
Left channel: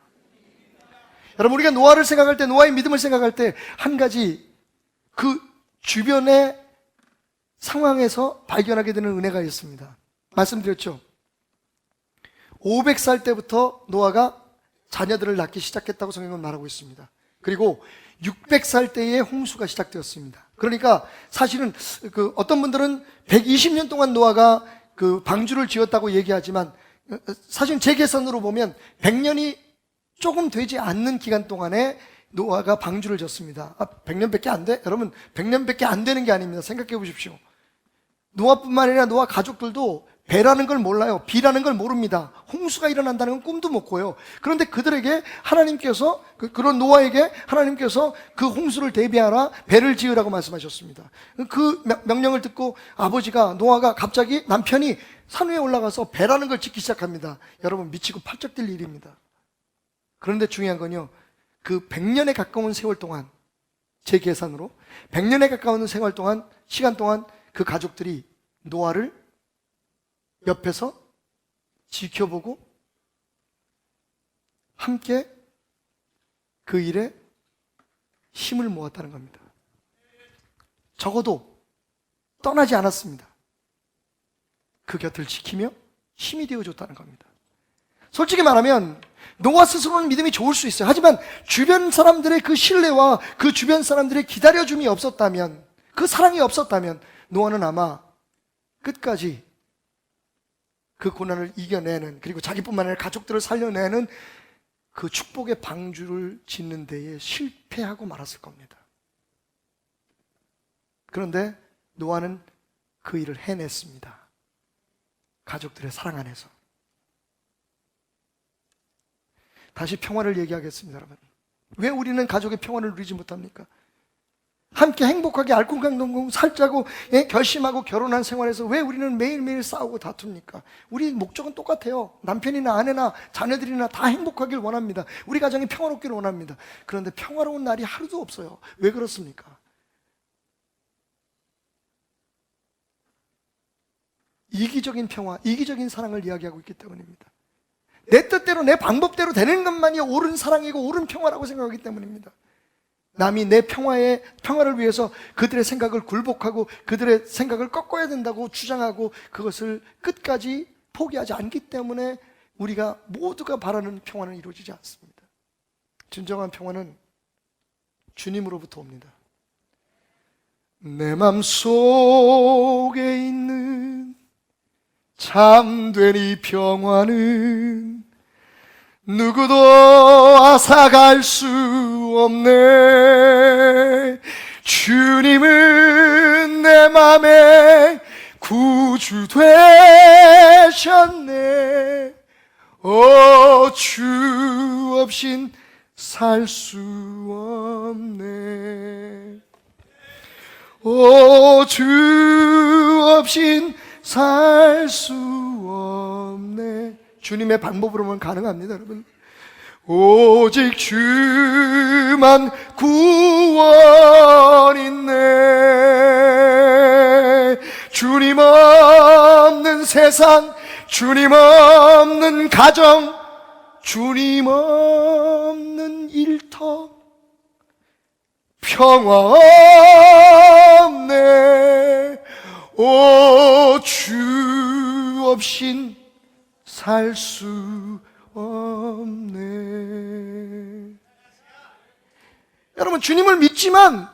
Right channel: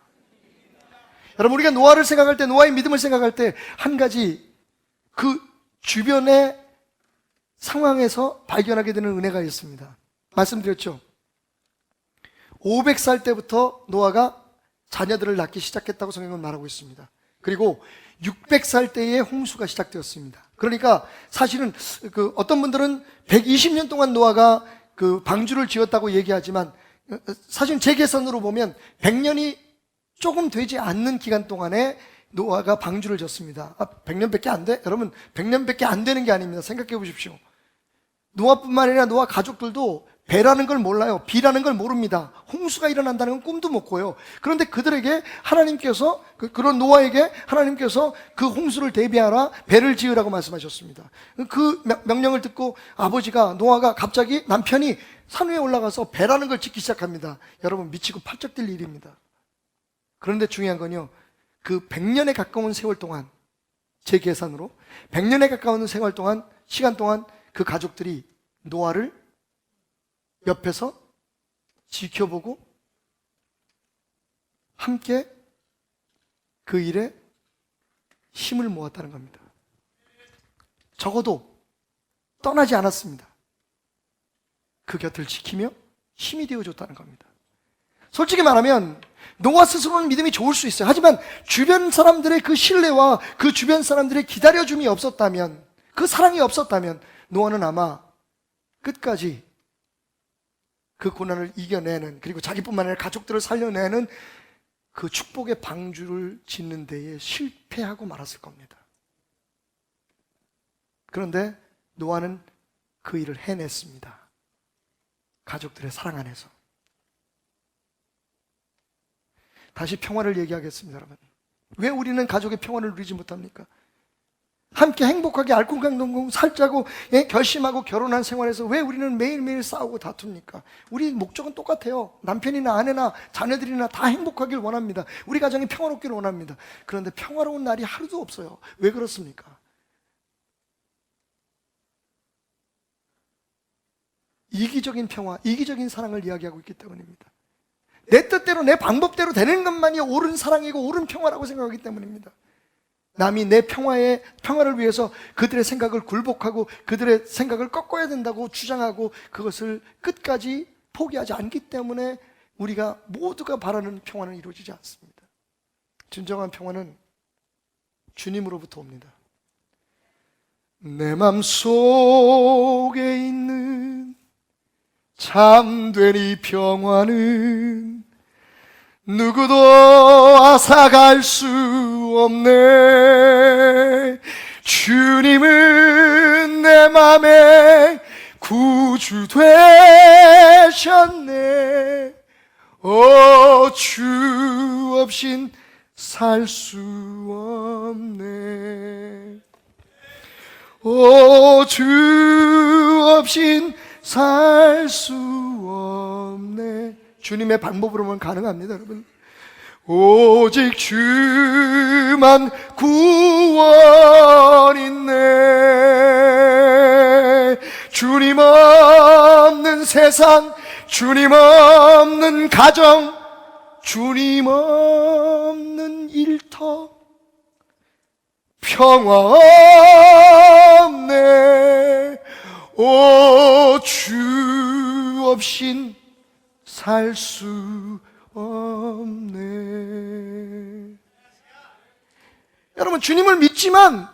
여러분 우리가 노아를 생각할 때 노아의 믿음을 생각할 때 한 가지 그 주변의 상황에서 발견하게 되는 은혜가 있습니다. 말씀드렸죠. 500살 때부터 노아가 자녀들을 낳기 시작했다고 성경은 말하고 있습니다. 그리고 600살 때에 홍수가 시작되었습니다. 그러니까 사실은 어떤 분들은 120년 동안 노아가 그 방주를 지었다고 얘기하지만 사실 제 계산으로 보면 100년이 조금 되지 않는 기간 동안에 노아가 방주를 졌습니다. 100년밖에 안 돼? 여러분 100년밖에 안 되는 게 아닙니다. 생각해 보십시오. 노아뿐만 아니라 노아 가족들도 배라는 걸 몰라요. 비라는 걸 모릅니다. 홍수가 일어난다는 건 꿈도 못 꿔요. 그런데 그들에게 하나님께서 그런 노아에게 하나님께서 그 홍수를 대비하라 배를 지으라고 말씀하셨습니다. 그 명령을 듣고 아버지가 노아가 갑자기 남편이 산 위에 올라가서 배라는 걸 짓기 시작합니다. 여러분 미치고 팔짝 뛸 일입니다. 그런데 중요한 건요. 그 100년에 가까운 세월 동안 제 계산으로 100년에 가까운 세월 동안 시간 동안 그 가족들이 노아를 옆에서 지켜보고 함께 그 일에 힘을 모았다는 겁니다. 적어도 떠나지 않았습니다. 그 곁을 지키며 힘이 되어줬다는 겁니다. 솔직히 말하면 노아 스스로는 믿음이 좋을 수 있어요. 하지만 주변 사람들의 그 신뢰와 그 주변 사람들의 기다려줌이 없었다면, 그 사랑이 없었다면 노아는 아마 끝까지 그 고난을 이겨내는, 그리고 자기뿐만 아니라 가족들을 살려내는 그 축복의 방주를 짓는 데에 실패하고 말았을 겁니다. 그런데 노아는 그 일을 해냈습니다. 가족들의 사랑 안에서. 다시 평화를 얘기하겠습니다, 여러분. 왜 우리는 가족의 평화를 누리지 못합니까? 함께 행복하게 알콩달콩 살자고 결심하고 결혼한 생활에서 왜 우리는 매일매일 싸우고 다툽니까? 우리 목적은 똑같아요. 남편이나 아내나 자녀들이나 다 행복하길 원합니다. 우리 가정이 평화롭기를 원합니다. 그런데 평화로운 날이 하루도 없어요. 왜 그렇습니까? 이기적인 평화, 이기적인 사랑을 이야기하고 있기 때문입니다. 내 뜻대로 내 방법대로 되는 것만이 옳은 사랑이고 옳은 평화라고 생각하기 때문입니다. 남이 내 평화를 위해서 그들의 생각을 굴복하고 그들의 생각을 꺾어야 된다고 주장하고 그것을 끝까지 포기하지 않기 때문에 우리가 모두가 바라는 평화는 이루어지지 않습니다. 진정한 평화는 주님으로부터 옵니다. 내 맘속에 있는 참된 이 평화는 누구도 앗아갈 수 없네. 주님은 내 맘에 구주 되셨네. 주 없인 살 수 없네. 주 없인 살 수 없네. 주님의 방법으로만 가능합니다, 여러분. 오직 주만 구원 있네. 주님 없는 세상, 주님 없는 가정, 주님 없는 일터 평화 없네. 주 없인 살 수 없네. 여러분, 주님을 믿지만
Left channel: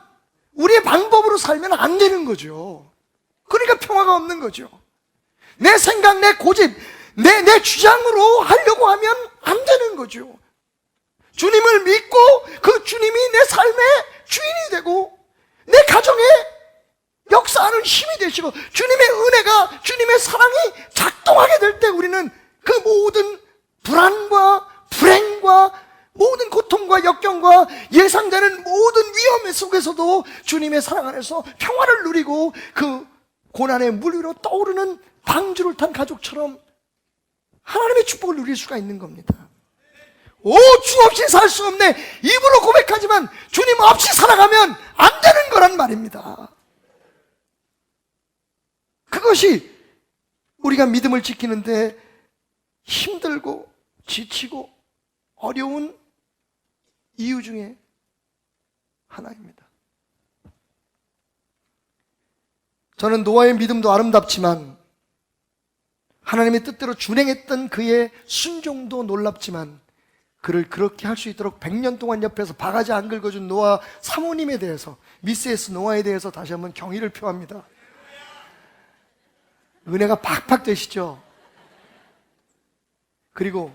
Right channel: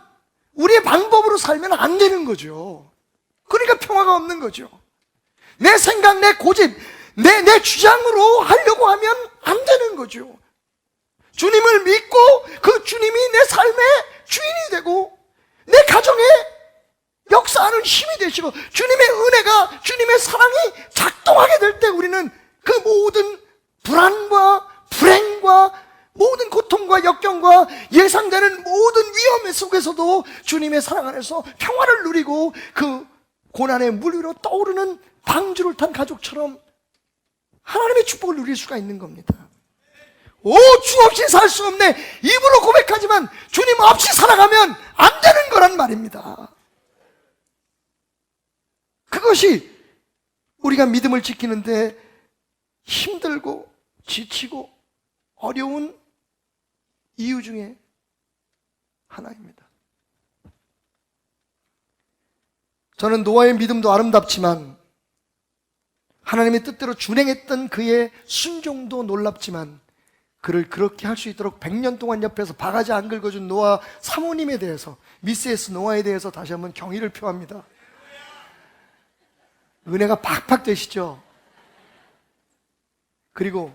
우리의 방법으로 살면 안 되는 거죠. 그러니까 평화가 없는 거죠. 내 생각, 내 고집, 내 주장으로 하려고 하면 안 되는 거죠. 주님을 믿고 그 주님이 내 삶의 주인이 되고 내 가정에 역사하는 힘이 되시고 주님의 은혜가, 주님의 사랑이 작동하게 될 때 우리는 그 모든 불안과 불행과 모든 고통과 역경과 예상되는 모든 위험 속에서도 주님의 사랑 안에서 평화를 누리고 그 고난의 물 위로 떠오르는 방주를 탄 가족처럼 하나님의 축복을 누릴 수가 있는 겁니다. 주 없이 살 수 없네. 입으로 고백하지만 주님 없이 살아가면 안 되는 거란 말입니다. 그것이 우리가 믿음을 지키는데 힘들고 지치고 어려운 이유 중에 하나입니다. 저는 노아의 믿음도 아름답지만 하나님의 뜻대로 준행했던 그의 순종도 놀랍지만 그를 그렇게 할 수 있도록 100년 동안 옆에서 바가지 안 긁어준 노아 사모님에 대해서, 미세스 노아에 대해서 다시 한번 경의를 표합니다. 은혜가 팍팍 되시죠? 그리고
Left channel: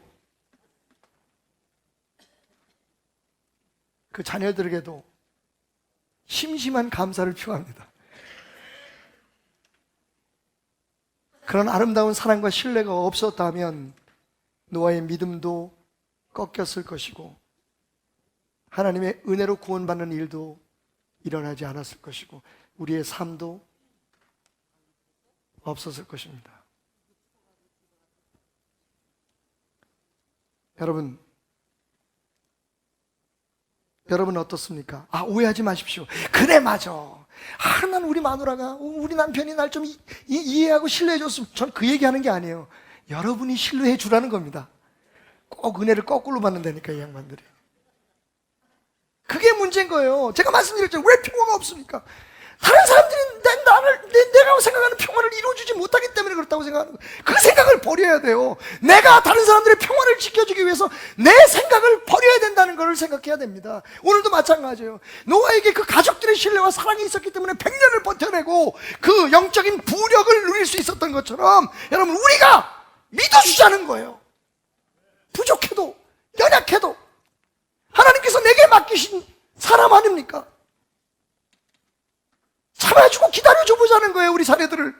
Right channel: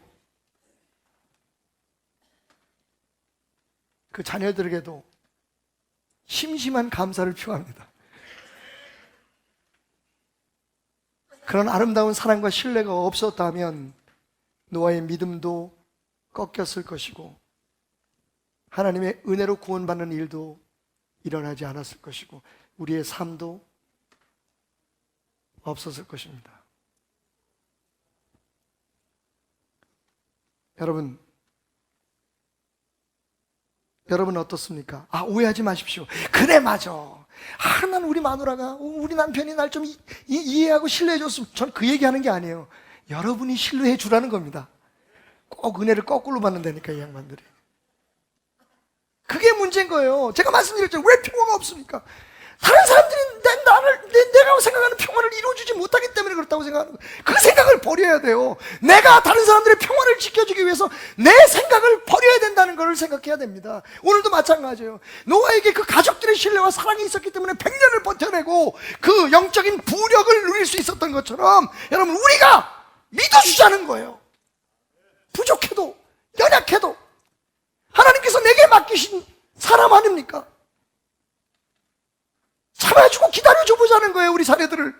그 자녀들에게도 심심한 감사를 표합니다. 그런 아름다운 사랑과 신뢰가 없었다면 노아의 믿음도 꺾였을 것이고 하나님의 은혜로 구원받는 일도 일어나지 않았을 것이고 우리의 삶도 없었을 것입니다. 여러분 어떻습니까? 오해하지 마십시오. 그래, 맞아. 난 우리 마누라가, 우리 남편이 날 좀 이해하고 신뢰해줬으면. 전 그 얘기하는 게 아니에요. 여러분이 신뢰해 주라는 겁니다. 꼭 은혜를 거꾸로 받는다니까, 이 양반들이. 그게 문제인 거예요. 제가 말씀드렸죠. 왜 평화가 없습니까? 다른 사람들이 내가 생각하는 평화를 이루어주지 못하기 때문에 그렇다고 생각하는 거예요. 그 생각을 버려야 돼요. 내가 다른 사람들의 평화를 지켜주기 위해서 내 생각을 버려야 된다는 걸 생각해야 됩니다. 오늘도 마찬가지예요. 노아에게 그 가족들의 신뢰와 사랑이 있었기 때문에 100년을 버텨내고 그 영적인 부력을 누릴 수 있었던 것처럼 여러분, 우리가 믿어주자는 거예요. 부족해도 연약해도 하나님께서 내게 맡기신 사람 아닙니까? 참아주고 기다려줘 보자는 거예요, 우리 사례들을.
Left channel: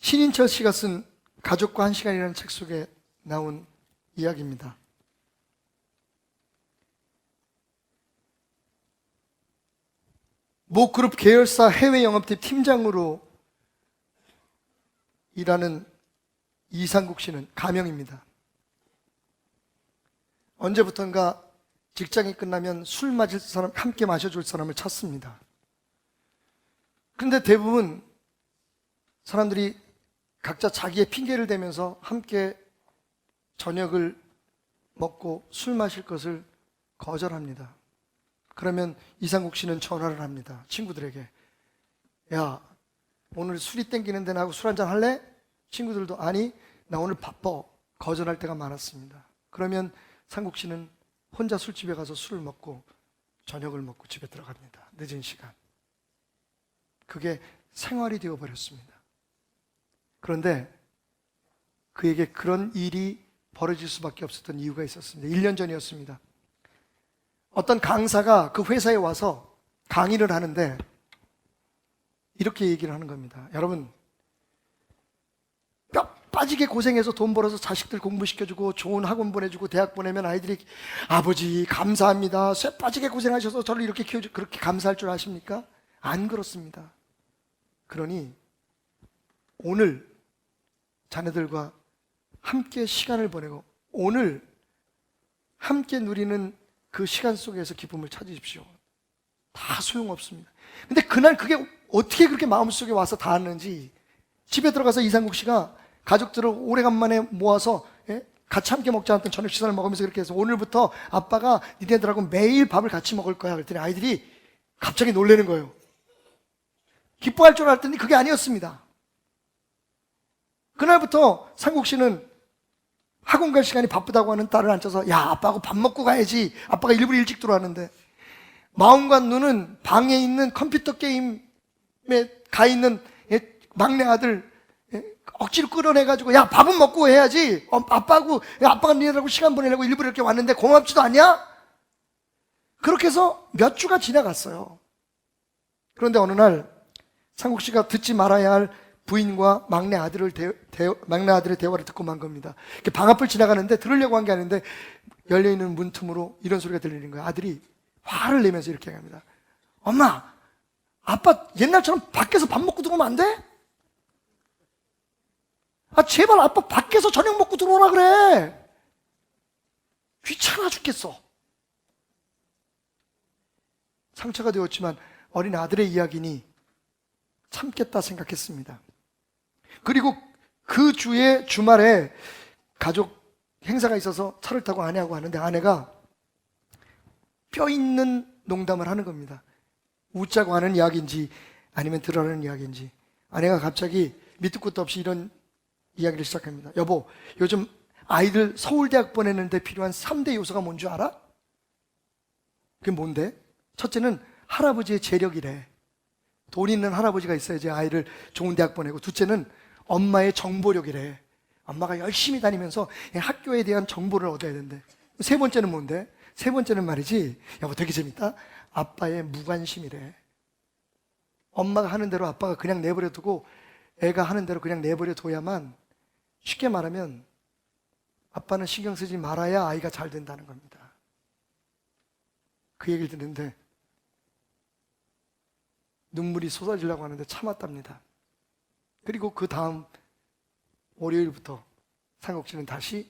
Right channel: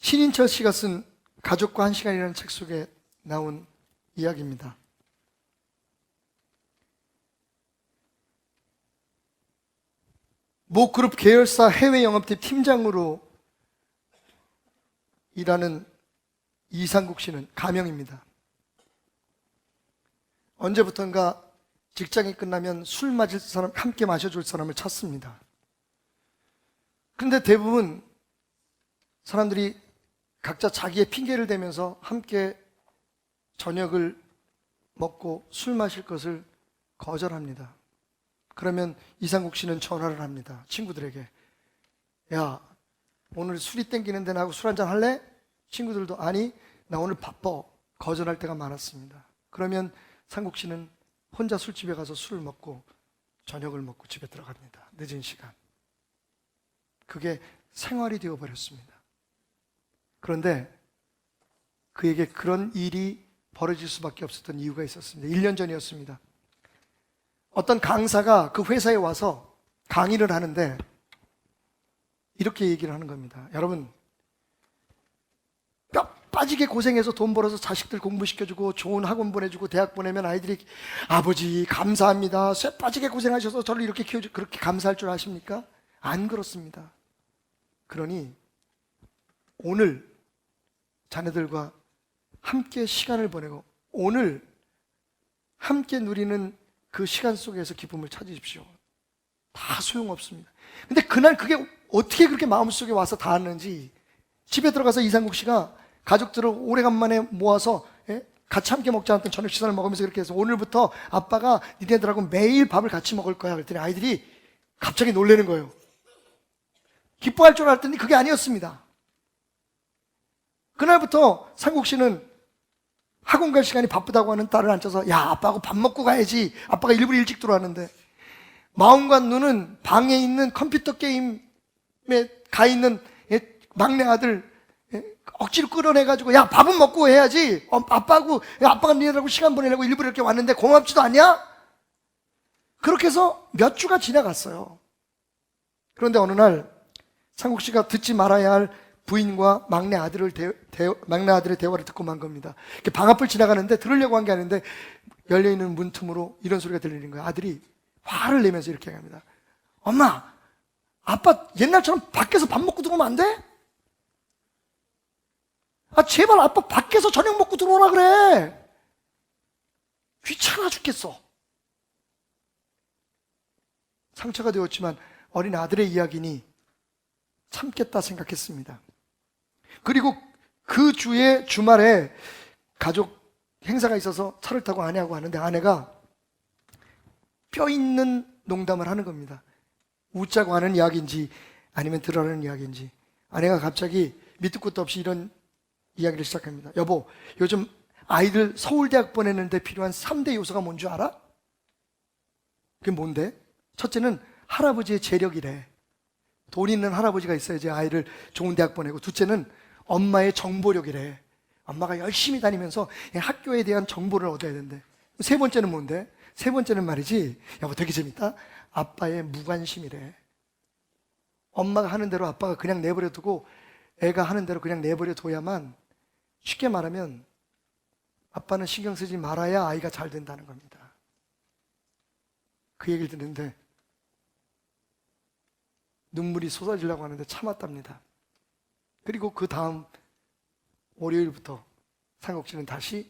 신인철 씨가 쓴 가족과 한 시간이라는 책 속에 나온 이야기입니다. 모 그룹 계열사 해외 영업팀 팀장으로 일하는 이상국 씨는 가명입니다. 언제부턴가 직장이 끝나면 술 마실 사람, 함께 마셔줄 사람을 찾습니다. 그런데 대부분 사람들이 각자 자기의 핑계를 대면서 함께 저녁을 먹고 술 마실 것을 거절합니다. 그러면 이상국 씨는 전화를 합니다. 친구들에게. 야, 오늘 술이 땡기는데 나하고 술 한잔 할래? 친구들도 아니, 나 오늘 바빠. 거절할 때가 많았습니다. 그러면 상국 씨는 혼자 술집에 가서 술을 먹고 저녁을 먹고 집에 들어갑니다. 늦은 시간. 그게 생활이 되어버렸습니다. 그런데 그에게 그런 일이 벌어질 수밖에 없었던 이유가 있었습니다. 1년 전이었습니다. 어떤 강사가 그 회사에 와서 강의를 하는데 이렇게 얘기를 하는 겁니다. 여러분, 뼈 빠지게 고생해서 돈 벌어서 자식들 공부시켜주고 좋은 학원 보내주고 대학 보내면 아이들이 아버지 감사합니다, 쇠 빠지게 고생하셔서 저를 이렇게 키워주고, 그렇게 감사할 줄 아십니까? 안 그렇습니다. 그러니 오늘 자녀들과 함께 시간을 보내고 오늘 함께 누리는 그 시간 속에서 기쁨을 찾으십시오. 다 소용없습니다. 근데 그날 그게 어떻게 그렇게 마음속에 와서 닿았는지, 집에 들어가서 이상국 씨가 가족들을 오래간만에 모아서 같이 함께 먹지 않았던 저녁 식사를 먹으면서 그렇게 해서 오늘부터 아빠가 니네들하고 매일 밥을 같이 먹을 거야 그랬더니 아이들이 갑자기 놀라는 거예요. 기뻐할 줄 알았더니 그게 아니었습니다. 그날부터 상국 씨는 학원 갈 시간이 바쁘다고 하는 딸을 앉혀서 야, 아빠하고 밥 먹고 가야지. 아빠가 일부러 일찍 들어왔는데 마음과 눈은 방에 있는 컴퓨터 게임에 가 있는 막내 아들 억지로 끌어내가지고 야, 밥은 먹고 해야지. 아빠하고, 야, 아빠가 니네들하고 시간 보내려고 일부러 이렇게 왔는데 고맙지도 않냐? 그렇게 해서 몇 주가 지나갔어요. 그런데 어느 날 상국 씨가 듣지 말아야 할 부인과 막내 아들의 대화를 듣고 만 겁니다. 방 앞을 지나가는데 들으려고 한 게 아닌데 열려있는 문틈으로 이런 소리가 들리는 거예요. 아들이 화를 내면서 이렇게 합니다. 엄마, 아빠 옛날처럼 밖에서 밥 먹고 들어오면 안 돼? 아, 제발 아빠 밖에서 저녁 먹고 들어오라 그래. 귀찮아 죽겠어. 상처가 되었지만 어린 아들의 이야기니 참겠다 생각했습니다. 그리고 그 주에 주말에 가족 행사가 있어서 차를 타고 아내하고 하는데 아내가 뼈 있는 농담을 하는 겁니다. 웃자고 하는 이야기인지 아니면 들으라는 이야기인지. 아내가 갑자기 밑도 끝도 없이 이런 이야기를 시작합니다. 여보, 요즘 아이들 서울대학 보내는데 필요한 3대 요소가 뭔 줄 알아? 그게 뭔데? 첫째는 할아버지의 재력이래. 돈 있는 할아버지가 있어야지 아이를 좋은 대학 보내고, 둘째는 엄마의 정보력이래. 엄마가 열심히 다니면서 학교에 대한 정보를 얻어야 된대. 세 번째는 뭔데? 세 번째는 말이지, 여보 되게 재밌다, 아빠의 무관심이래. 엄마가 하는 대로 아빠가 그냥 내버려 두고 애가 하는 대로 그냥 내버려 둬야만, 쉽게 말하면 아빠는 신경 쓰지 말아야 아이가 잘 된다는 겁니다. 그 얘기를 듣는데 눈물이 쏟아지려고 하는데 참았답니다. 그리고 그 다음 월요일부터 상국 씨는 다시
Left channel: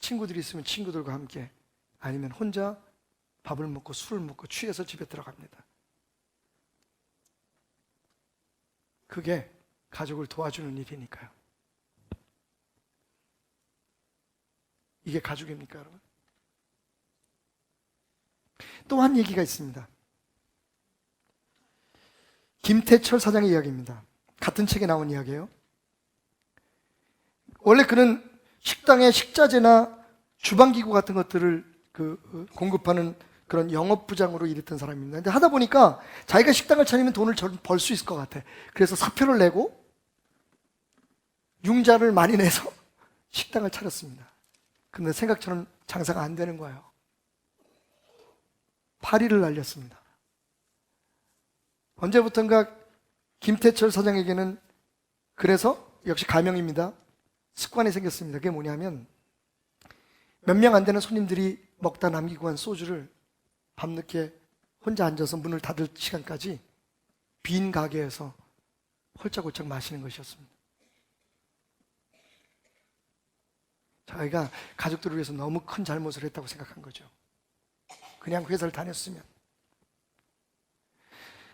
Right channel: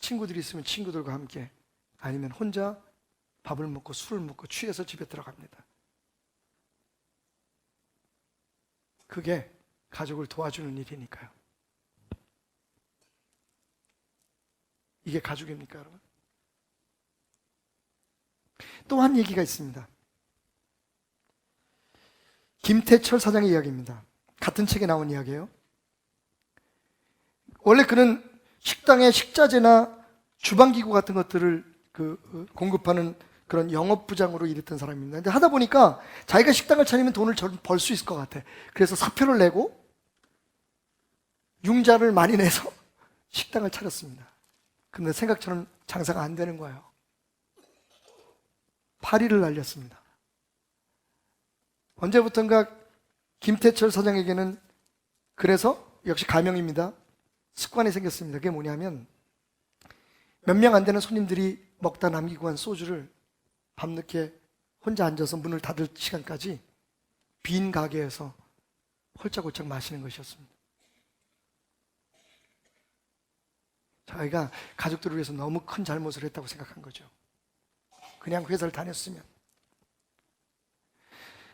친구들이 있으면 친구들과 함께, 아니면 혼자 밥을 먹고 술을 먹고 취해서 집에 들어갑니다. 그게 가족을 도와주는 일이니까요. 이게 가족입니까, 여러분? 또 한 얘기가 있습니다. 김태철 사장의 이야기입니다. 같은 책에 나온 이야기예요. 원래 그는 식당에 식자재나 주방기구 같은 것들을 공급하는 그런 영업부장으로 일했던 사람입니다. 근데 하다 보니까 자기가 식당을 차리면 돈을 벌 수 있을 것 같아. 그래서 사표를 내고 융자를 많이 내서 식당을 차렸습니다. 근데 생각처럼 장사가 안 되는 거예요. 파리를 날렸습니다. 언제부턴가 김태철 사장에게는 그래서 역시 가명입니다. 습관이 생겼습니다. 그게 뭐냐면 몇 명 안 되는 손님들이 먹다 남기고 간 소주를 밤늦게 혼자 앉아서 문을 닫을 시간까지 빈 가게에서 홀짝홀짝 마시는 것이었습니다. 자기가 가족들을 위해서 너무 큰 잘못을 했다고 생각한 거죠. 그냥 회사를 다녔으면.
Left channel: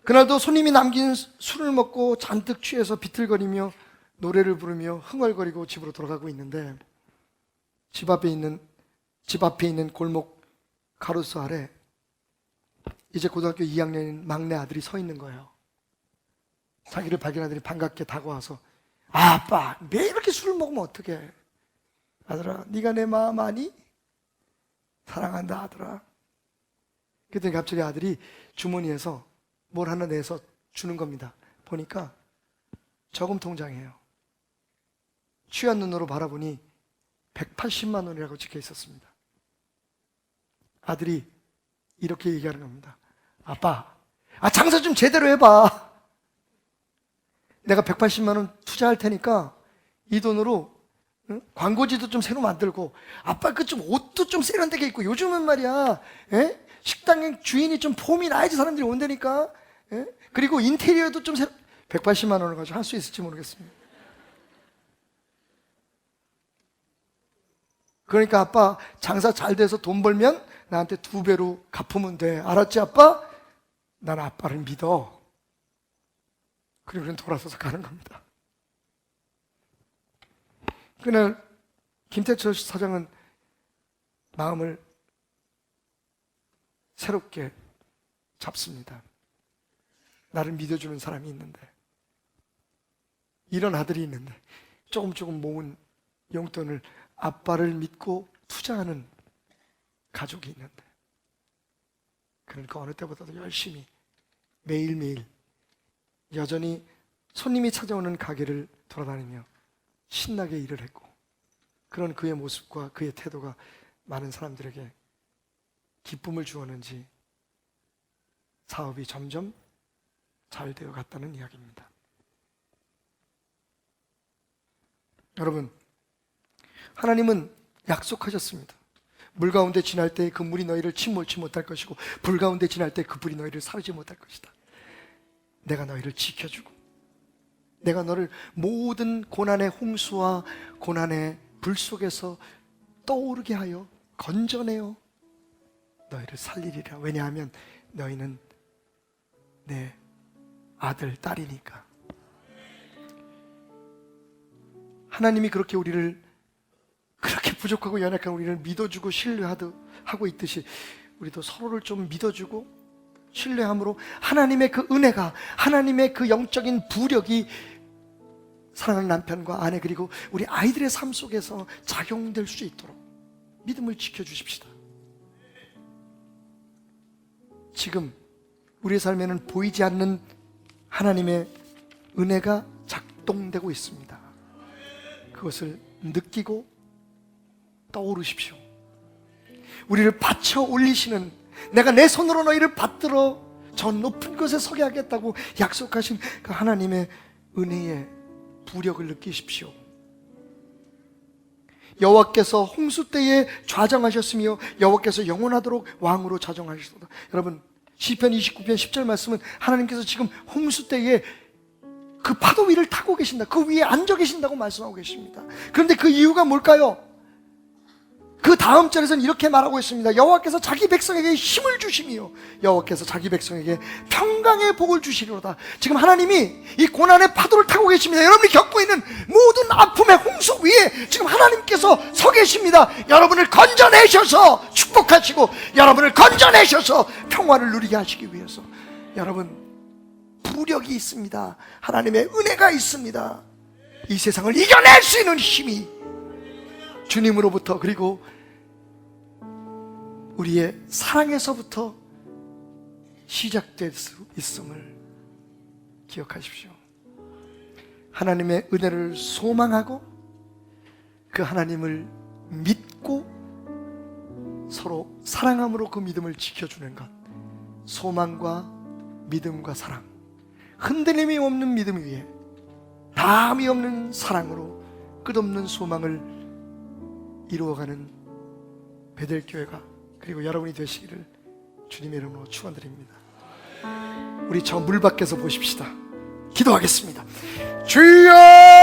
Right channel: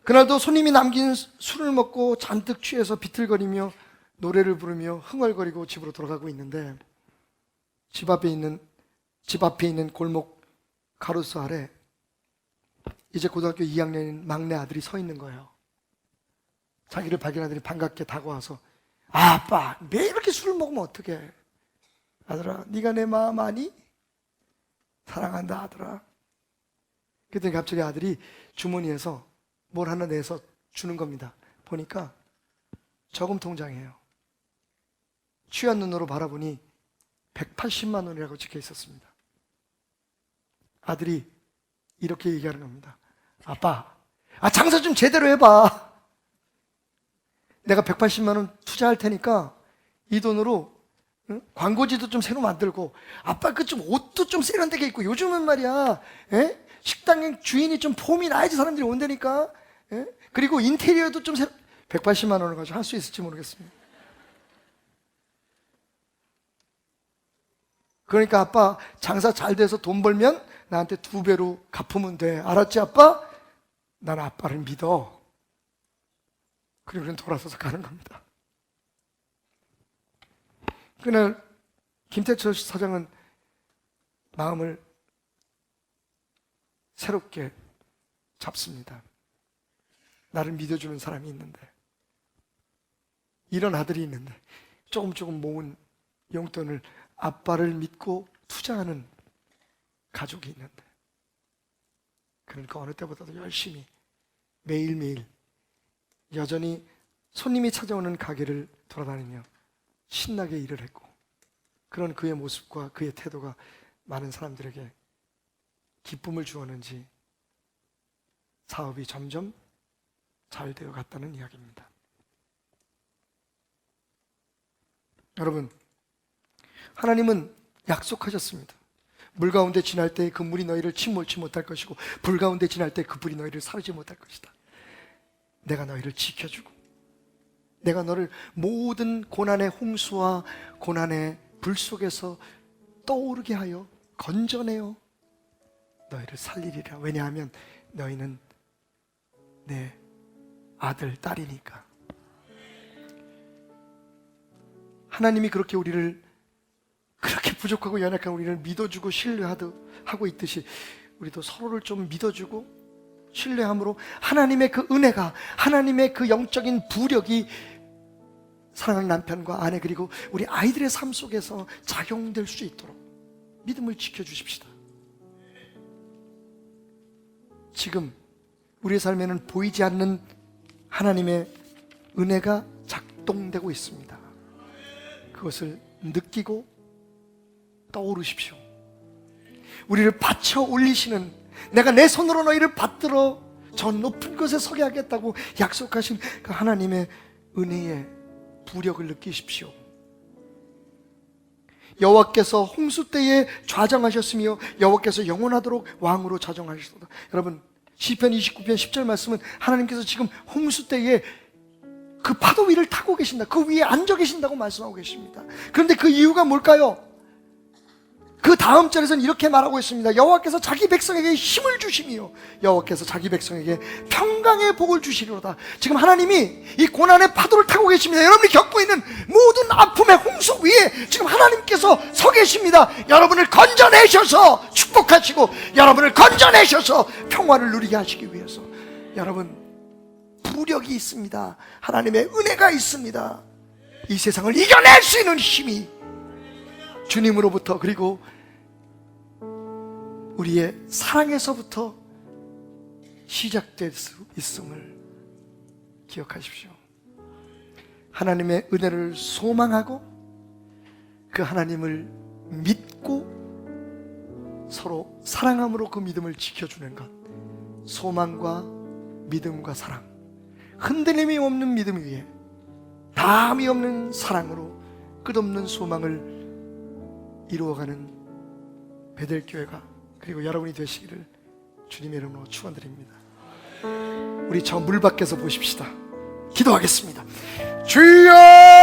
그날도 손님이 남긴 술을 먹고 잔뜩 취해서 비틀거리며 노래를 부르며 흥얼거리고 집으로 돌아가고 있는데 집 앞에 있는 골목 가로수 아래 이제 고등학교 2학년인 막내 아들이 서 있는 거예요. 자기를 발견하더니 반갑게 다가와서 아빠 매일 이렇게 술을 먹으면 어떡해. 아들아 네가 내 마음 아니? 사랑한다 아들아. 그랬더니 갑자기 아들이 주머니에서 뭘 하나 내서 주는 겁니다. 보니까 저금 통장이에요. 취한 눈으로 바라보니 180만 원이라고 찍혀 있었습니다. 아들이 이렇게 얘기하는 겁니다. 아빠, 장사 좀 제대로 해봐. 내가 180만 원 투자할 테니까 이 돈으로 광고지도 좀 새로 만들고 아빠 그 좀 옷도 좀 세련되게 입고 요즘은 말이야 식당 주인이 좀 폼이 나야지 사람들이 온다니까. 그리고 인테리어도 좀 180만 원을 가지고 할 수 있을지 모르겠습니다. 그러니까 아빠 장사 잘 돼서 돈 벌면 나한테 2배로 갚으면 돼. 알았지 아빠? 난 아빠를 믿어. 그리고 그는 돌아서서 가는 겁니다. 그날 김태철 사장은 마음을 새롭게 잡습니다. 나를 믿어주는 사람이 있는데, 이런 아들이 있는데, 조금 모은 용돈을 아빠를 믿고 투자하는 가족이 있는데, 그러니까 어느 때보다도 열심히 매일매일 여전히 손님이 찾아오는 가게를 돌아다니며 신나게 일을 했고, 그런 그의 모습과 그의 태도가 많은 사람들에게 기쁨을 주었는지 사업이 점점 잘 되어 갔다는 이야기입니다. 여러분, 하나님은 약속하셨습니다. 물 가운데 지날 때 그 물이 너희를 침몰치 못할 것이고 불 가운데 지날 때 그 불이 너희를 사르지 못할 것이다. 내가 너희를 지켜주고 내가 너를 모든 고난의 홍수와 고난의 불 속에서 떠오르게 하여 건져내어 너희를 살리리라. 왜냐하면 너희는 내 아들, 딸이니까. 하나님이 그렇게 우리를 그렇게 부족하고 연약한 우리를 믿어주고 신뢰하고 있듯이 우리도 서로를 좀 믿어주고 신뢰함으로 하나님의 그 은혜가, 하나님의 그 영적인 부력이 사랑하는 남편과 아내 그리고 우리 아이들의 삶 속에서 작용될 수 있도록 믿음을 지켜주십시다. 지금 우리의 삶에는 보이지 않는 하나님의 은혜가 작동되고 있습니다. 그것을 느끼고 떠오르십시오. 우리를 받쳐 올리시는, 내가 내 손으로 너희를 받들어 저 높은 곳에 서게 하겠다고 약속하신 그 하나님의 은혜의 부력을 느끼십시오. 여호와께서 홍수 때에 좌정하셨으며 여호와께서 영원하도록 왕으로 좌정하셨다. 여러분, 시편 29편 10절 말씀은 하나님께서 지금 홍수 때에 그 파도 위를 타고 계신다, 그 위에 앉아 계신다고 말씀하고 계십니다. 그런데 그 이유가 뭘까요? 그 다음 절에서는 이렇게 말하고 있습니다. 여호와께서 자기 백성에게 힘을 주시며 여호와께서 자기 백성에게 평강의 복을 주시리로다. 지금 하나님이 이 고난의 파도를 타고 계십니다. 여러분이 겪고 있는 모든 아픔의 홍수 위에 지금 하나님께서 서 계십니다. 여러분을 건져내셔서 축복하시고 여러분을 건져내셔서 평화를 누리게 하시기 위해서. 여러분, 부력이 있습니다. 하나님의 은혜가 있습니다. 이 세상을 이겨낼 수 있는 힘이 주님으로부터, 그리고 우리의 사랑에서부터 시작될 수 있음을 기억하십시오. 하나님의 은혜를 소망하고 그 하나님을 믿고 서로 사랑함으로 그 믿음을 지켜주는 것, 소망과 믿음과 사랑, 흔들림이 없는 믿음 위에 담이 없는 사랑으로 끝없는 소망을 이루어가는 베델교회가, 그리고 여러분이 되시기를 주님의 이름으로 축원드립니다. 우리 저 물 밖에서 보십시다. 기도하겠습니다. 주여!